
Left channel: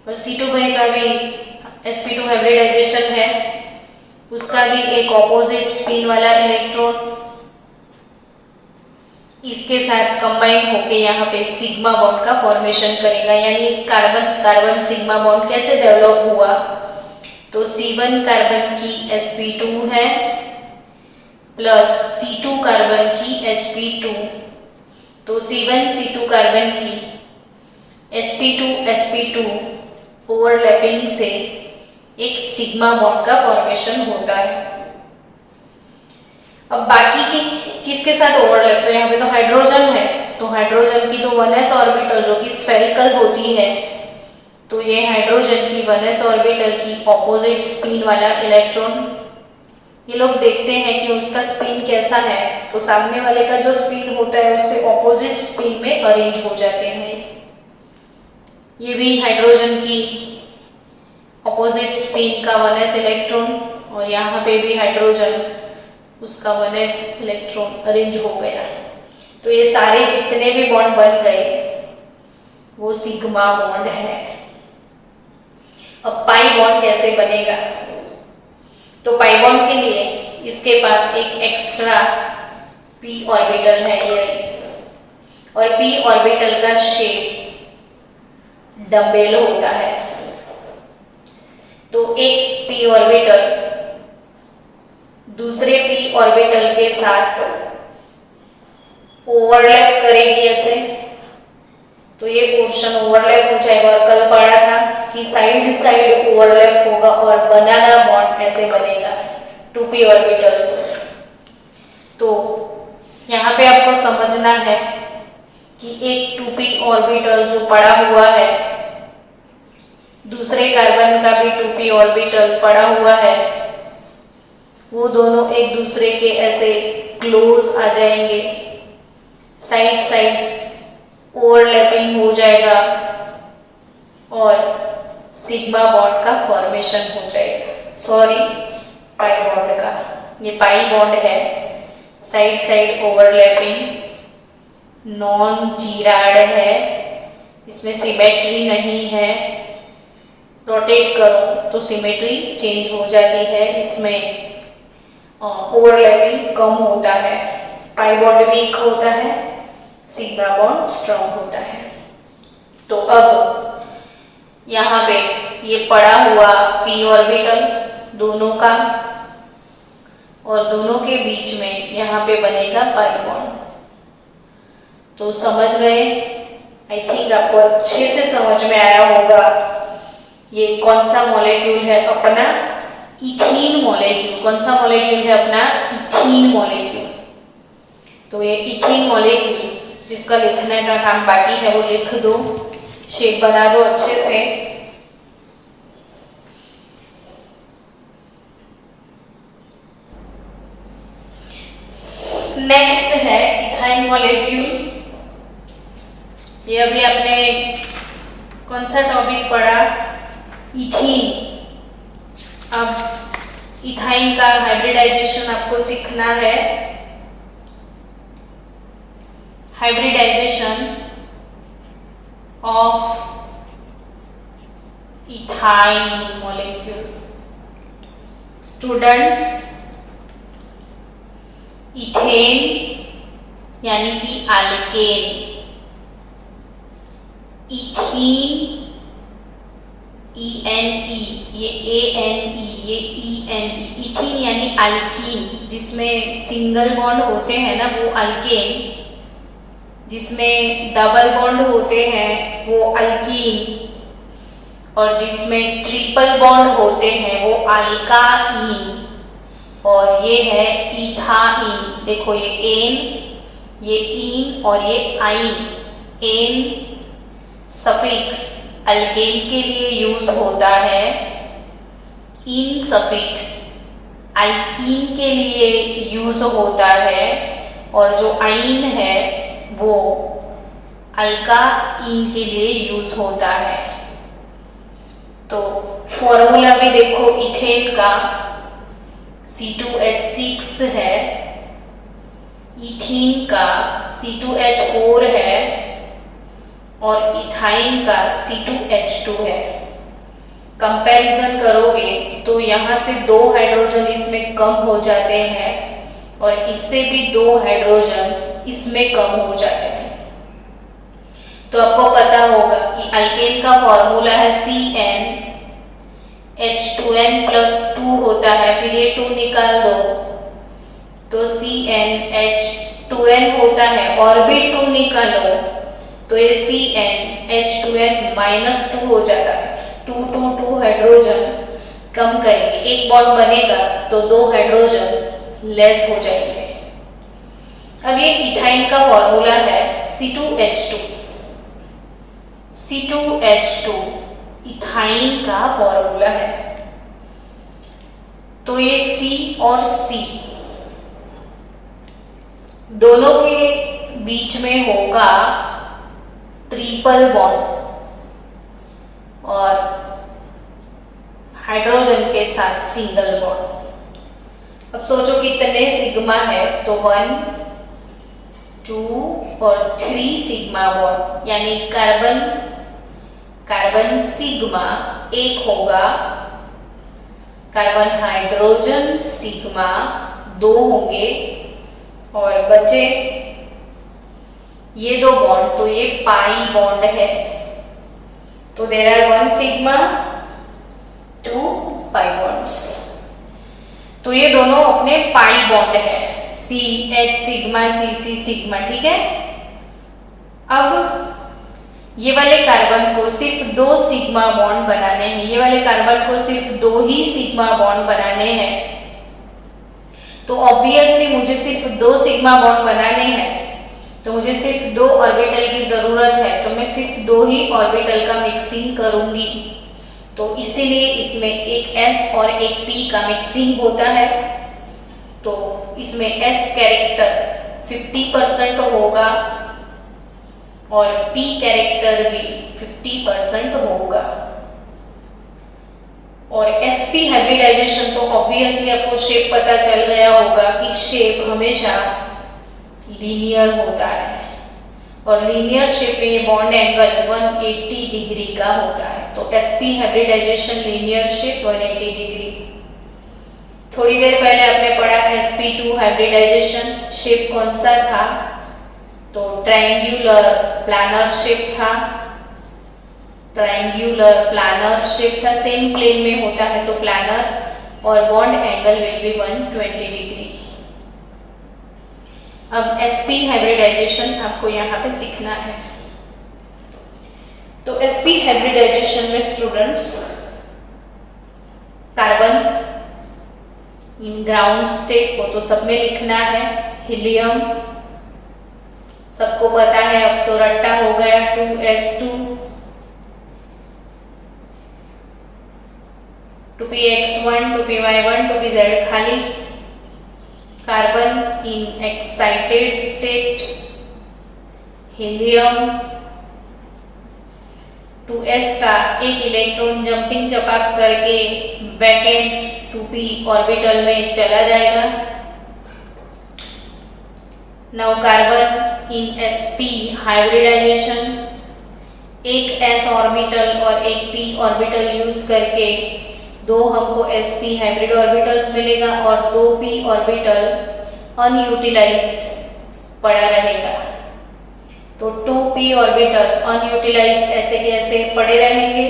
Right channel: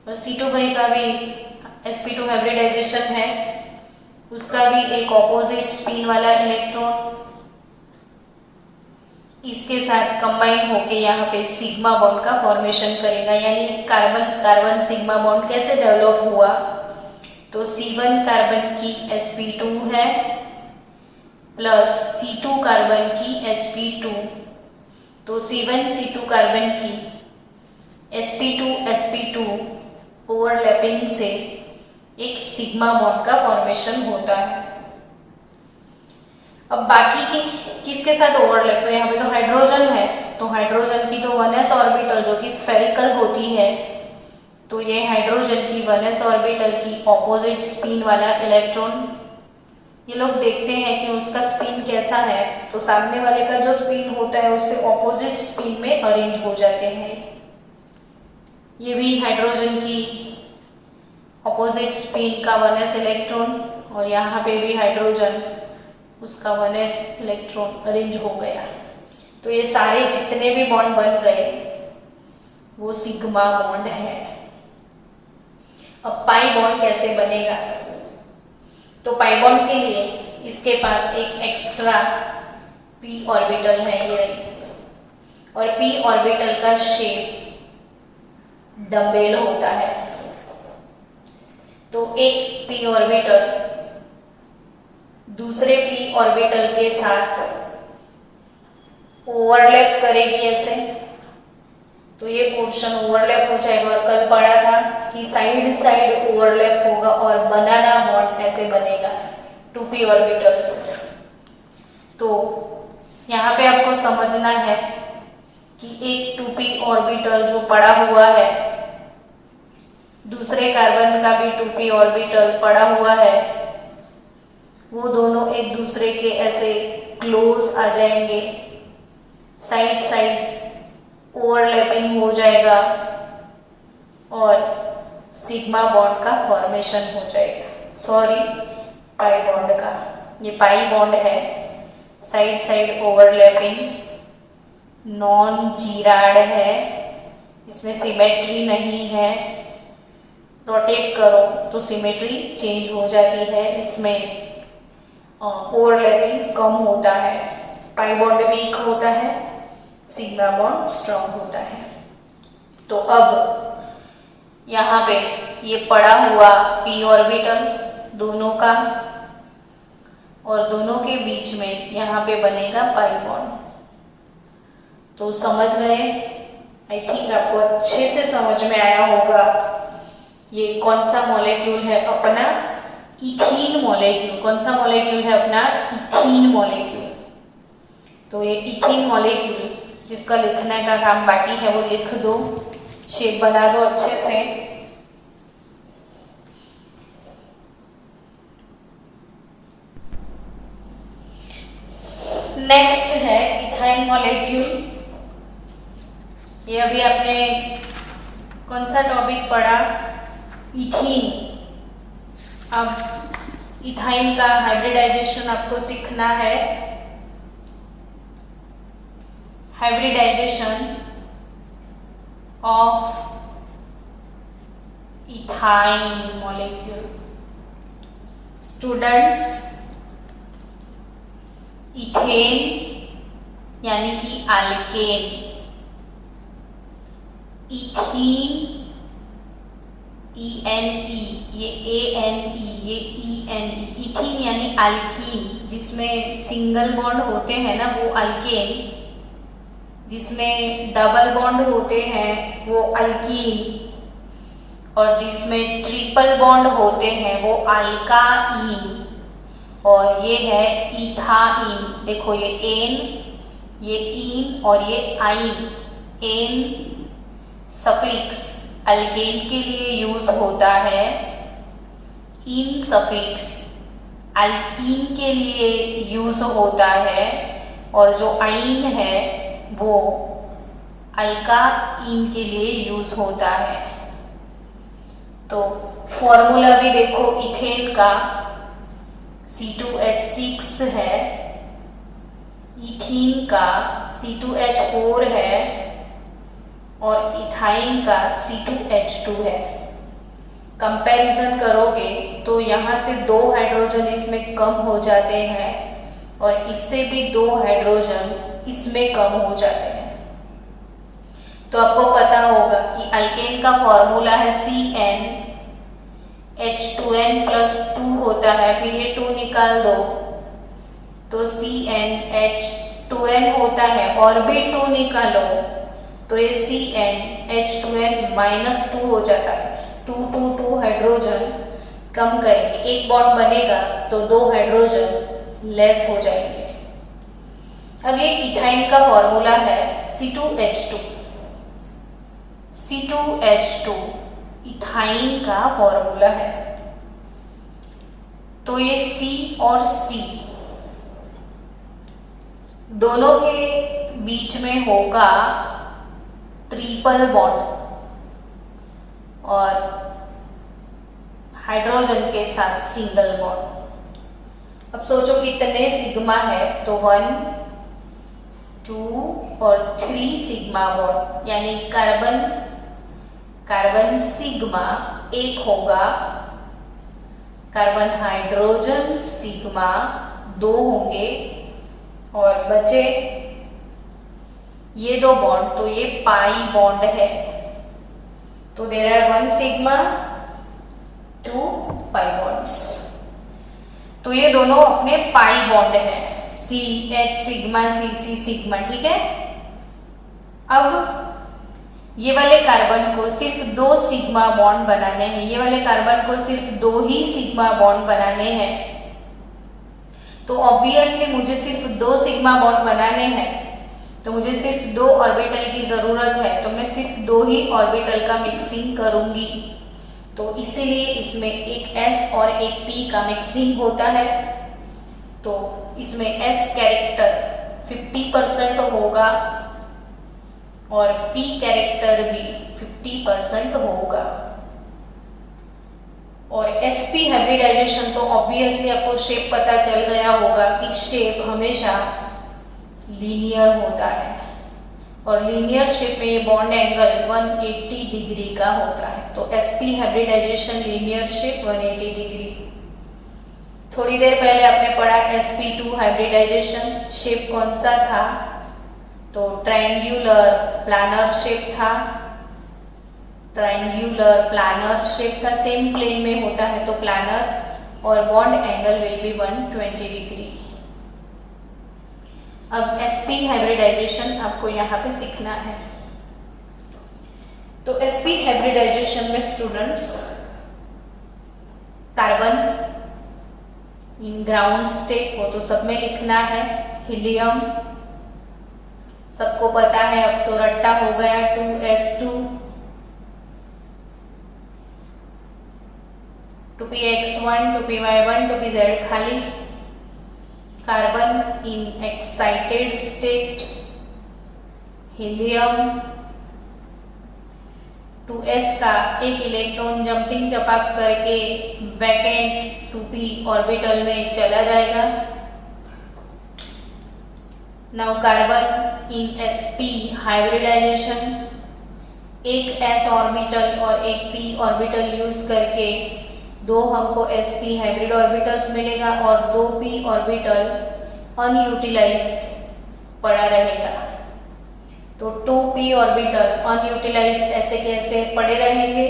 और C2 भाई का भी sp2 हाइब्रिडाइजेशन है। उसका भी एक ऑपोजिट स्पिन वाला इलेक्ट्रॉन इसके साथ कंबाइन होके यहाँ पे सिग्मा बॉन्ड का फॉर्मेशन करेगा। यानी कार्बन कार्बन सिग्मा बॉन्ड कैसे डेवलप हुआ? तो C1 कार्बन की sp2 है प्लस C2 कार्बन की sp2, तो C1 C2 कार्बन की sp2 ओवरलैपिंग से एक सिग्मा बॉन्ड का फॉर्मेशन होता है। अब बाकी की किसके साथ ओवरलैप? तो यहाँ पे तो हाइड्रोजन है, तो हाइड्रोजन की तो 1s ऑर्बिटल जो कि स्फेरिकल होती है, तो ये हाइड्रोजन की 1s ऑर्बिटल की ऑपोजिट स्पिन वाला इलेक्ट्रॉन, ये लोग देखते हैं कि उसका स्पिन कैसा है, तो सामने वाले का जो स्पिन होता है उससे ऑपोजिट स्पिन में अरेंज हो जाते हैं। ये भी हाइड्रोजन की ऑपोजिट स्पिन का 1s इलेक्ट्रॉन और यहाँ पे भी हाइड्रोजन उसका 1s इलेक्ट्रॉन अरेंज हो गया। तो ये सारे जितने भी बॉन्ड बन गए वो सिग्मा बॉन्ड है। अब पाई बॉन्ड कैसे बनेगा? तो पाई बॉन्ड के लिए इसके पास एक एक्स्ट्रा p ऑर्बिटल है ये और p ऑर्बिटल का शेप डम्बेल होता है। तो एक p ऑर्बिटल दूसरे p ऑर्बिटल के साथ ओवरलैप करेगी ऐसे, तो ये पोर्शन ओवरलैप हो जाएगा। और कल पढ़ा था कि साइड साइड ओवरलैप होगा और बनाना बॉन्ड ऐसे बनेगा 2p ऑर्बिटल्स। तो यहाँ पे आपको समझना है कि एक 2p ऑर्बिटल जो पड़ा हुआ है, दूसरे कार्बन का भी 2p ऑर्बिटल पड़ा हुआ है, वो दोनों एक दूसरे के ऐसे क्लोज आ जाएंगे, साइड साइड ओवरलैपिंग हो जाएगा और सिग्मा बॉन्ड का फॉर्मेशन हो जाएगा। सॉरी, पाई बॉन्ड का, ये पाई बॉन्ड है, साइड साइड ओवरलैपिंग, नॉन जीराड है, इसमें सिमेट्री नहीं है। रोटेट करो तो सिमेट्री चेंज हो जाती है, इसमें ओवरलैपिंग कम होता है, पाई बॉन्ड वीक होता है, सिग्मा बॉन्ड स्ट्रॉन्ग होता है। तो अब यहाँ पे ये पड़ा हुआ p ऑर्बिटल दोनों का और दोनों के बीच में यहाँ पे बनेगा पाई बॉन्ड। तो समझ गए आई थिंक आपको अच्छे से समझ में आया होगा ये कौन सा मॉलिक्यूल है अपना इथीन मॉलिक्यूल। कौन सा मॉलिक्यूल है अपना इथीन मॉलिक्यूल। तो ये इथीन मॉलिक्यूल जिसका लिखने का काम बाकी है वो लिख दो, शेप बना दो अच्छे से। नेक्स्ट है इथाइल मॉलिक्यूल। ये अभी आपने कौन सा टॉपिक पढ़ा, इथीन। अब इथाइन का हाइब्रिडाइजेशन आपको सीखना है। Hybridization of ethyne molecule. Students, ethane यानी कि अल्केन, इथीन ENE, ये ANE, ये ENE, इथीन यानी अल्कीन, जिसमें सिंगल बॉन्ड होते हैं ना वो अल्केन, जिसमें डबल बॉन्ड होते हैं वो अल्कीन, और जिसमें ट्रिपल बॉन्ड होते हैं वो अल्काइन। और ये है इथाइन। देखो ये एन, ये इन और ये आइन। एन सफिक्स अल्केन के लिए यूज होता है, इन सफिक्स अल्कीन के लिए यूज होता है, और जो आइन है वो अल्काइन के लिए यूज होता है। तो फॉर्मूला भी देखो इथेन का C2H6 है, इथीन का C2H4 है, और इथाइन का C2H2 है। कंपैरिजन करोगे तो यहाँ से 2 हाइड्रोजन इसमें कम हो जाते हैं, और इससे भी 2 हाइड्रोजन इसमें कम हो जाते हैं। तो आपको पता होगा कि अल्केन का फॉर्मूला है CN, H2N+2 होता है, फिर ये 2 निकाल दो तो CnH2n होता है, और भी 2 निकालो तो ये CnH2n-2 हो जाता है। 2 हाइड्रोजन कम करेंगे, एक बॉन्ड बनेगा तो 2 हाइड्रोजन लेस हो जाएंगे। अब ये इथाइन का फॉर्मूला है C2H2। C2H2 इथाइन का फॉर्मूला है। तो ये C और C दोनों के बीच में होगा ट्रिपल बॉन्ड, और हाइड्रोजन के साथ सिंगल बॉन्ड। अब सोचो कितने सिग्मा है, तो 1, 2 और 3 सिग्मा बॉन्ड, यानी कार्बन सिग्मा 1 होगा, कार्बन हाइड्रोजन सिग्मा 2 होंगे, और बचे ये 2 बॉन्ड, तो ये पाई बॉन्ड है। तो there are 1 sigma 2 pi bonds. तो ये दोनों अपने पाई बॉन्ड है, CH सिग्मा CC सिग्मा, ठीक है। अब ये वाले कार्बन को सिर्फ 2 सिग्मा बॉन्ड बनाने हैं, ये वाले कार्बन को सिर्फ 2 ही सिग्मा बॉन्ड बनाने हैं। तो ऑब्वियसली मुझे सिर्फ 2 सिग्मा बॉन्ड बनाने हैं, तो मुझे सिर्फ 2 ऑर्बिटल की जरूरत है, तो मैं सिर्फ 2 ही ऑर्बिटल का मिक्सिंग करूंगी। तो इसीलिए इसमें एक S और एक P का मिक्सिंग होता है। तो इसमें S कैरेक्टर 50% होगा और P कैरेक्टर भी 50% होगा। और sp हाइब्रिडाइजेशन तो ऑब्वियसली आपको शेप पता चल गया होगा कि शेप हमेशा लीनियर होता है, और लीनियर शेप में बॉन्ड एंगल 180 डिग्री का होता है। तो sp hybridization linear shape 180 degree. थोड़ी देर पहले आपने पढ़ा sp2 हाइब्रिडाइजेशन, शेप कौन सा था, तो ट्रायंगुलर प्लानर शेप था, ट्रायंगुलर प्लानर शेप था, सेम प्लेन में होता है तो प्लानर, और bond angle will be 120 degree. अब sp हाइब्रिडाइजेशन आपको यहाँ पे सीखना है। तो sp हाइब्रिडाइजेशन में students carbon in ground state वो तो सब में लिखना है, हीलियम सबको पता है, अब तो रट्टा हो गया 2s2 2px1 2py1 2pz खाली, carbon in excited state, helium 2s का एक इलेक्ट्रॉन जंपिंग चपाक करके वैकेंट 2p ऑर्बिटल में चला जाएगा। Now carbon in sp hybridization, एक s ऑर्बिटल और एक p ऑर्बिटल यूज करके दो हमको sp हाइब्रिड ऑर्बिटल्स मिलेगा और दो p ऑर्बिटल अनयूटिलाइज्ड पड़ा रहेगा। तो 2p ऑर्बिटल अनयूटिलाइज्ड ऐसे के ऐसे पड़े रहेंगे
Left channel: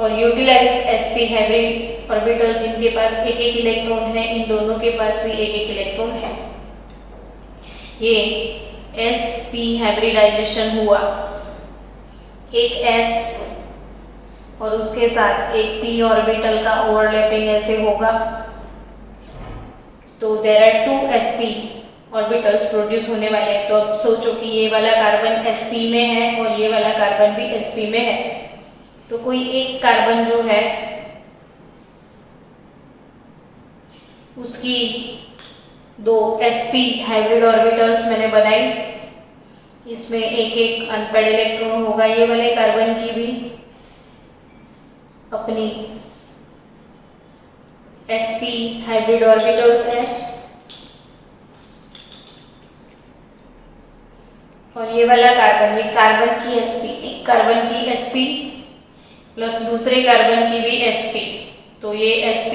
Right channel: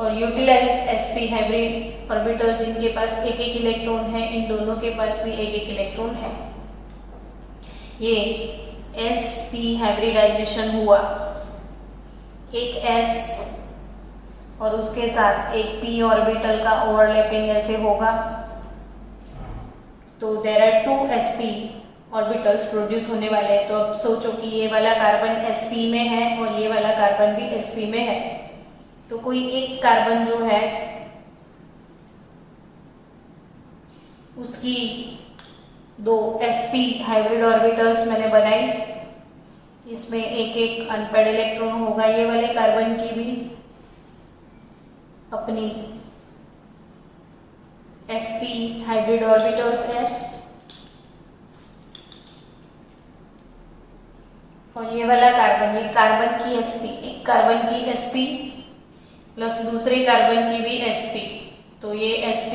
और यूटिलाइज्ड sp हाइब्रिड ऑर्बिटल जिनके पास एक एक इलेक्ट्रॉन है, इन दोनों के पास भी एक एक इलेक्ट्रॉन है। ये sp हाइब्रिडाइजेशन हुआ, एक s और उसके साथ एक p ऑर्बिटल का ओवरलैपिंग ऐसे होगा। तो there are 2 sp orbitals produce होने वाले हैं। तो अब सोचो कि ये वाला कार्बन sp में है और ये वाला कार्बन भी sp में है, तो कोई एक कार्बन जो है उसकी दो sp हाइब्रिड ऑर्बिटल्स मैंने बनाई, इसमें एक एक अनपेड इलेक्ट्रॉन होगा। ये वाले कार्बन की भी अपनी sp हाइब्रिड ऑर्बिटल्स है और ये वाला कार्बन, ये कार्बन की sp, एक कार्बन की sp प्लस दूसरे कार्बन की भी sp, तो ये sp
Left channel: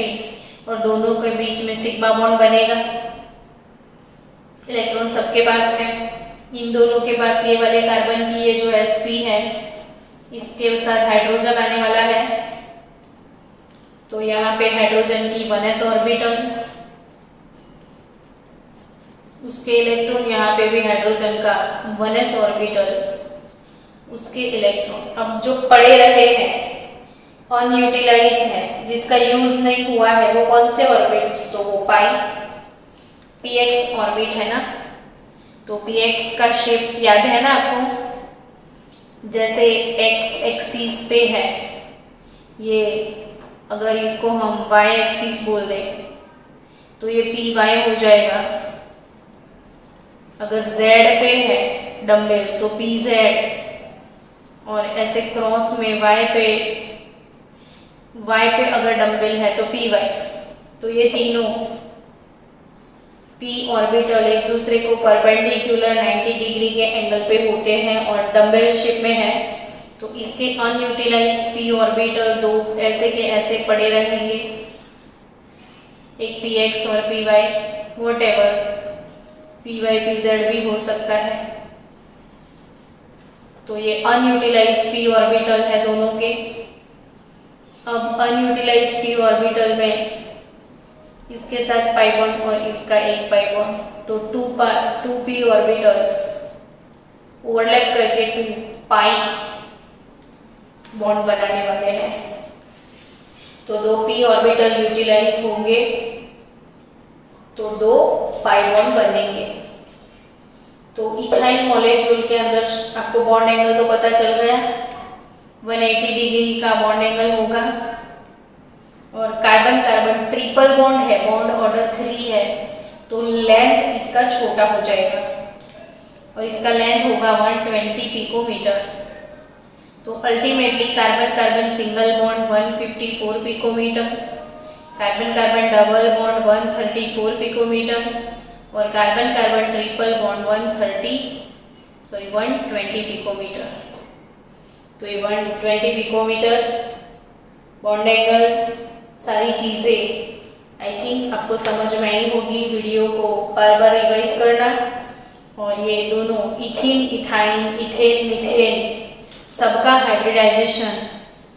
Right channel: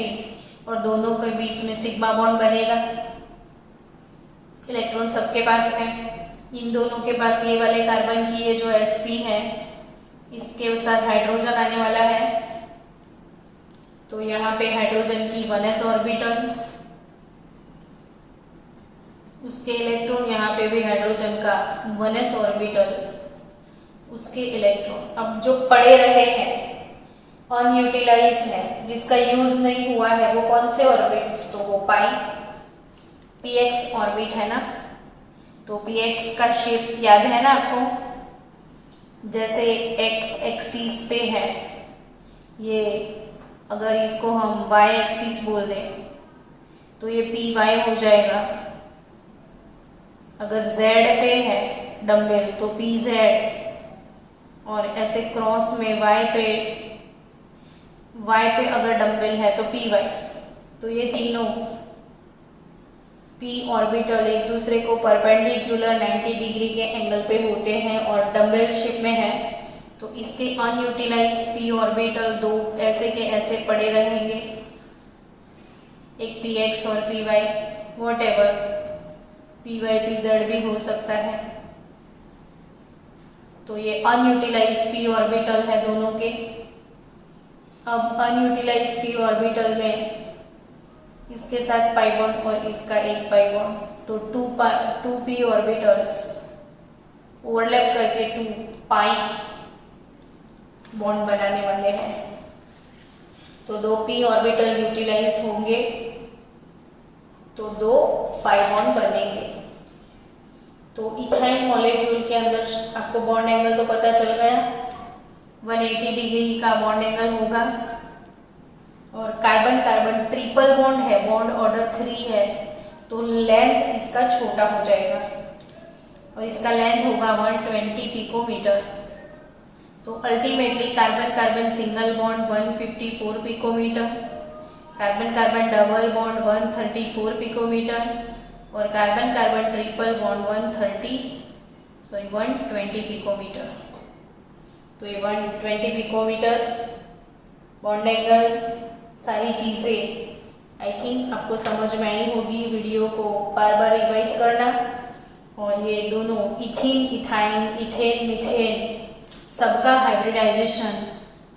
और दोनों के बीच में सिग्मा बॉन्ड बनेगा। इलेक्ट्रॉन सबके पास है, इन दोनों के पास ये वाले कार्बन की ये जो sp है इसके साथ हाइड्रोजन आने वाला है। तो यहाँ पे हाइड्रोजन की 1s ऑर्बिटल, उसके इलेक्ट्रॉन, यहाँ पे भी हाइड्रोजन का 1s ऑर्बिटल, उसके इलेक्ट्रॉन। अब जो पड़े रहे हैं अनयूटिलाइज है, जिसका यूज नहीं हुआ है, वो कौन से ऑर्बिट्स? तो वो पाई px ऑर्बिट है ना। तो px का शेप याद है ना आपको, जैसे x एक्सिस पे है, ये अगर इसको हम y एक्सिस बोल दें तो ये py हो जाएगा। अगर z पे है डम्बल तो pz, और ऐसे क्रॉस में y पे अगर डम्बल है तो py। तो ये तीनों p ऑर्बिटल एक दूसरे को परपेंडिकुलर 90 डिग्री के एंगल पे होते हैं और डम्बल शेप में है। तो इसके अनयूटिलाइज p ऑर्बिटल दो ऐसे के ऐसे पड़े रहेंगे, एक px और py, व्हाटएवर py pz भी हो सकता है। तो ये अनयूटिलाइज p ऑर्बिटल है दोनों के। अब अनयूटिलाइज p ऑर्बिटल में इसके साथ पाई बॉन्ड और इसका एक पाई बॉन्ड, तो 2p ऑर्बिटल्स ओवरलैप करके 2 पाई बॉन्ड बनाने वाले हैं। तो 2 p ऑर्बिटल यूटिलाइज होंगे तो 2 पाई बॉन्ड बनेंगे। तो इथाइन मॉलिक्यूल के अंदर आपको बॉन्ड एंगल तो पता चल गया, 180 डिग्री का बॉन्ड एंगल होगा। और कार्बन कार्बन ट्रिपल बॉन्ड है, बॉन्ड ऑर्डर 3 है, तो लेंथ इसका छोटा हो जाएगा और इसका लेंथ होगा 120 पिकोमीटर। तो ultimately carbon carbon single bond 154 picometre, carbon carbon double bond 134 picometre और carbon carbon triple bond 120 picometre. तो ये 120 पिकोमीटर बॉन्ड एंगल, सारी चीजें आई थिंक आपको समझ में आई होगी। वीडियो को बार बार रिवाइज करना। और ये दोनों इथीन, इथाइन, इथेन, मीथेन सबका हाइब्रिडाइजेशन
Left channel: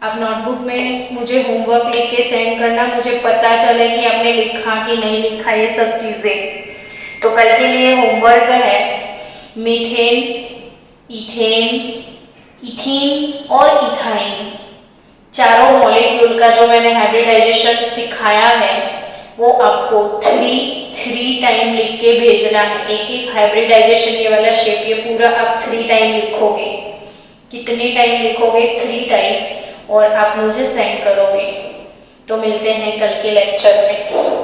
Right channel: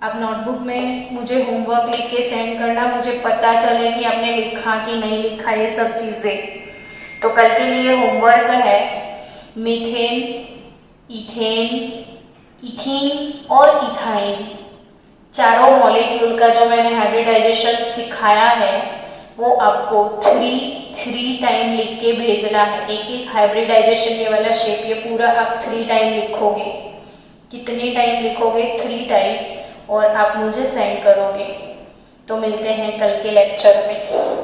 आप नोटबुक में मुझे होमवर्क लिख के सेंड करना, मुझे पता चले कि आपने लिखा कि नहीं लिखा ये सब चीजें। तो कल के लिए होमवर्क है मीथेन, इथेन, इथीन और इथाइन चारों मॉलिक्यूल का जो मैंने हाइब्रिडाइजेशन सिखाया है वो आपको थ्री टाइम लिख के भेजना है। एक हाइब्रिडाइजेशन ये वाला शेप ये पूरा आप 3 टाइम लिखोगे। कितने टाइम लिखोगे? 3 टाइम, और आप मुझे सेंड करोगे। तो मिलते हैं कल के लेक्चर में।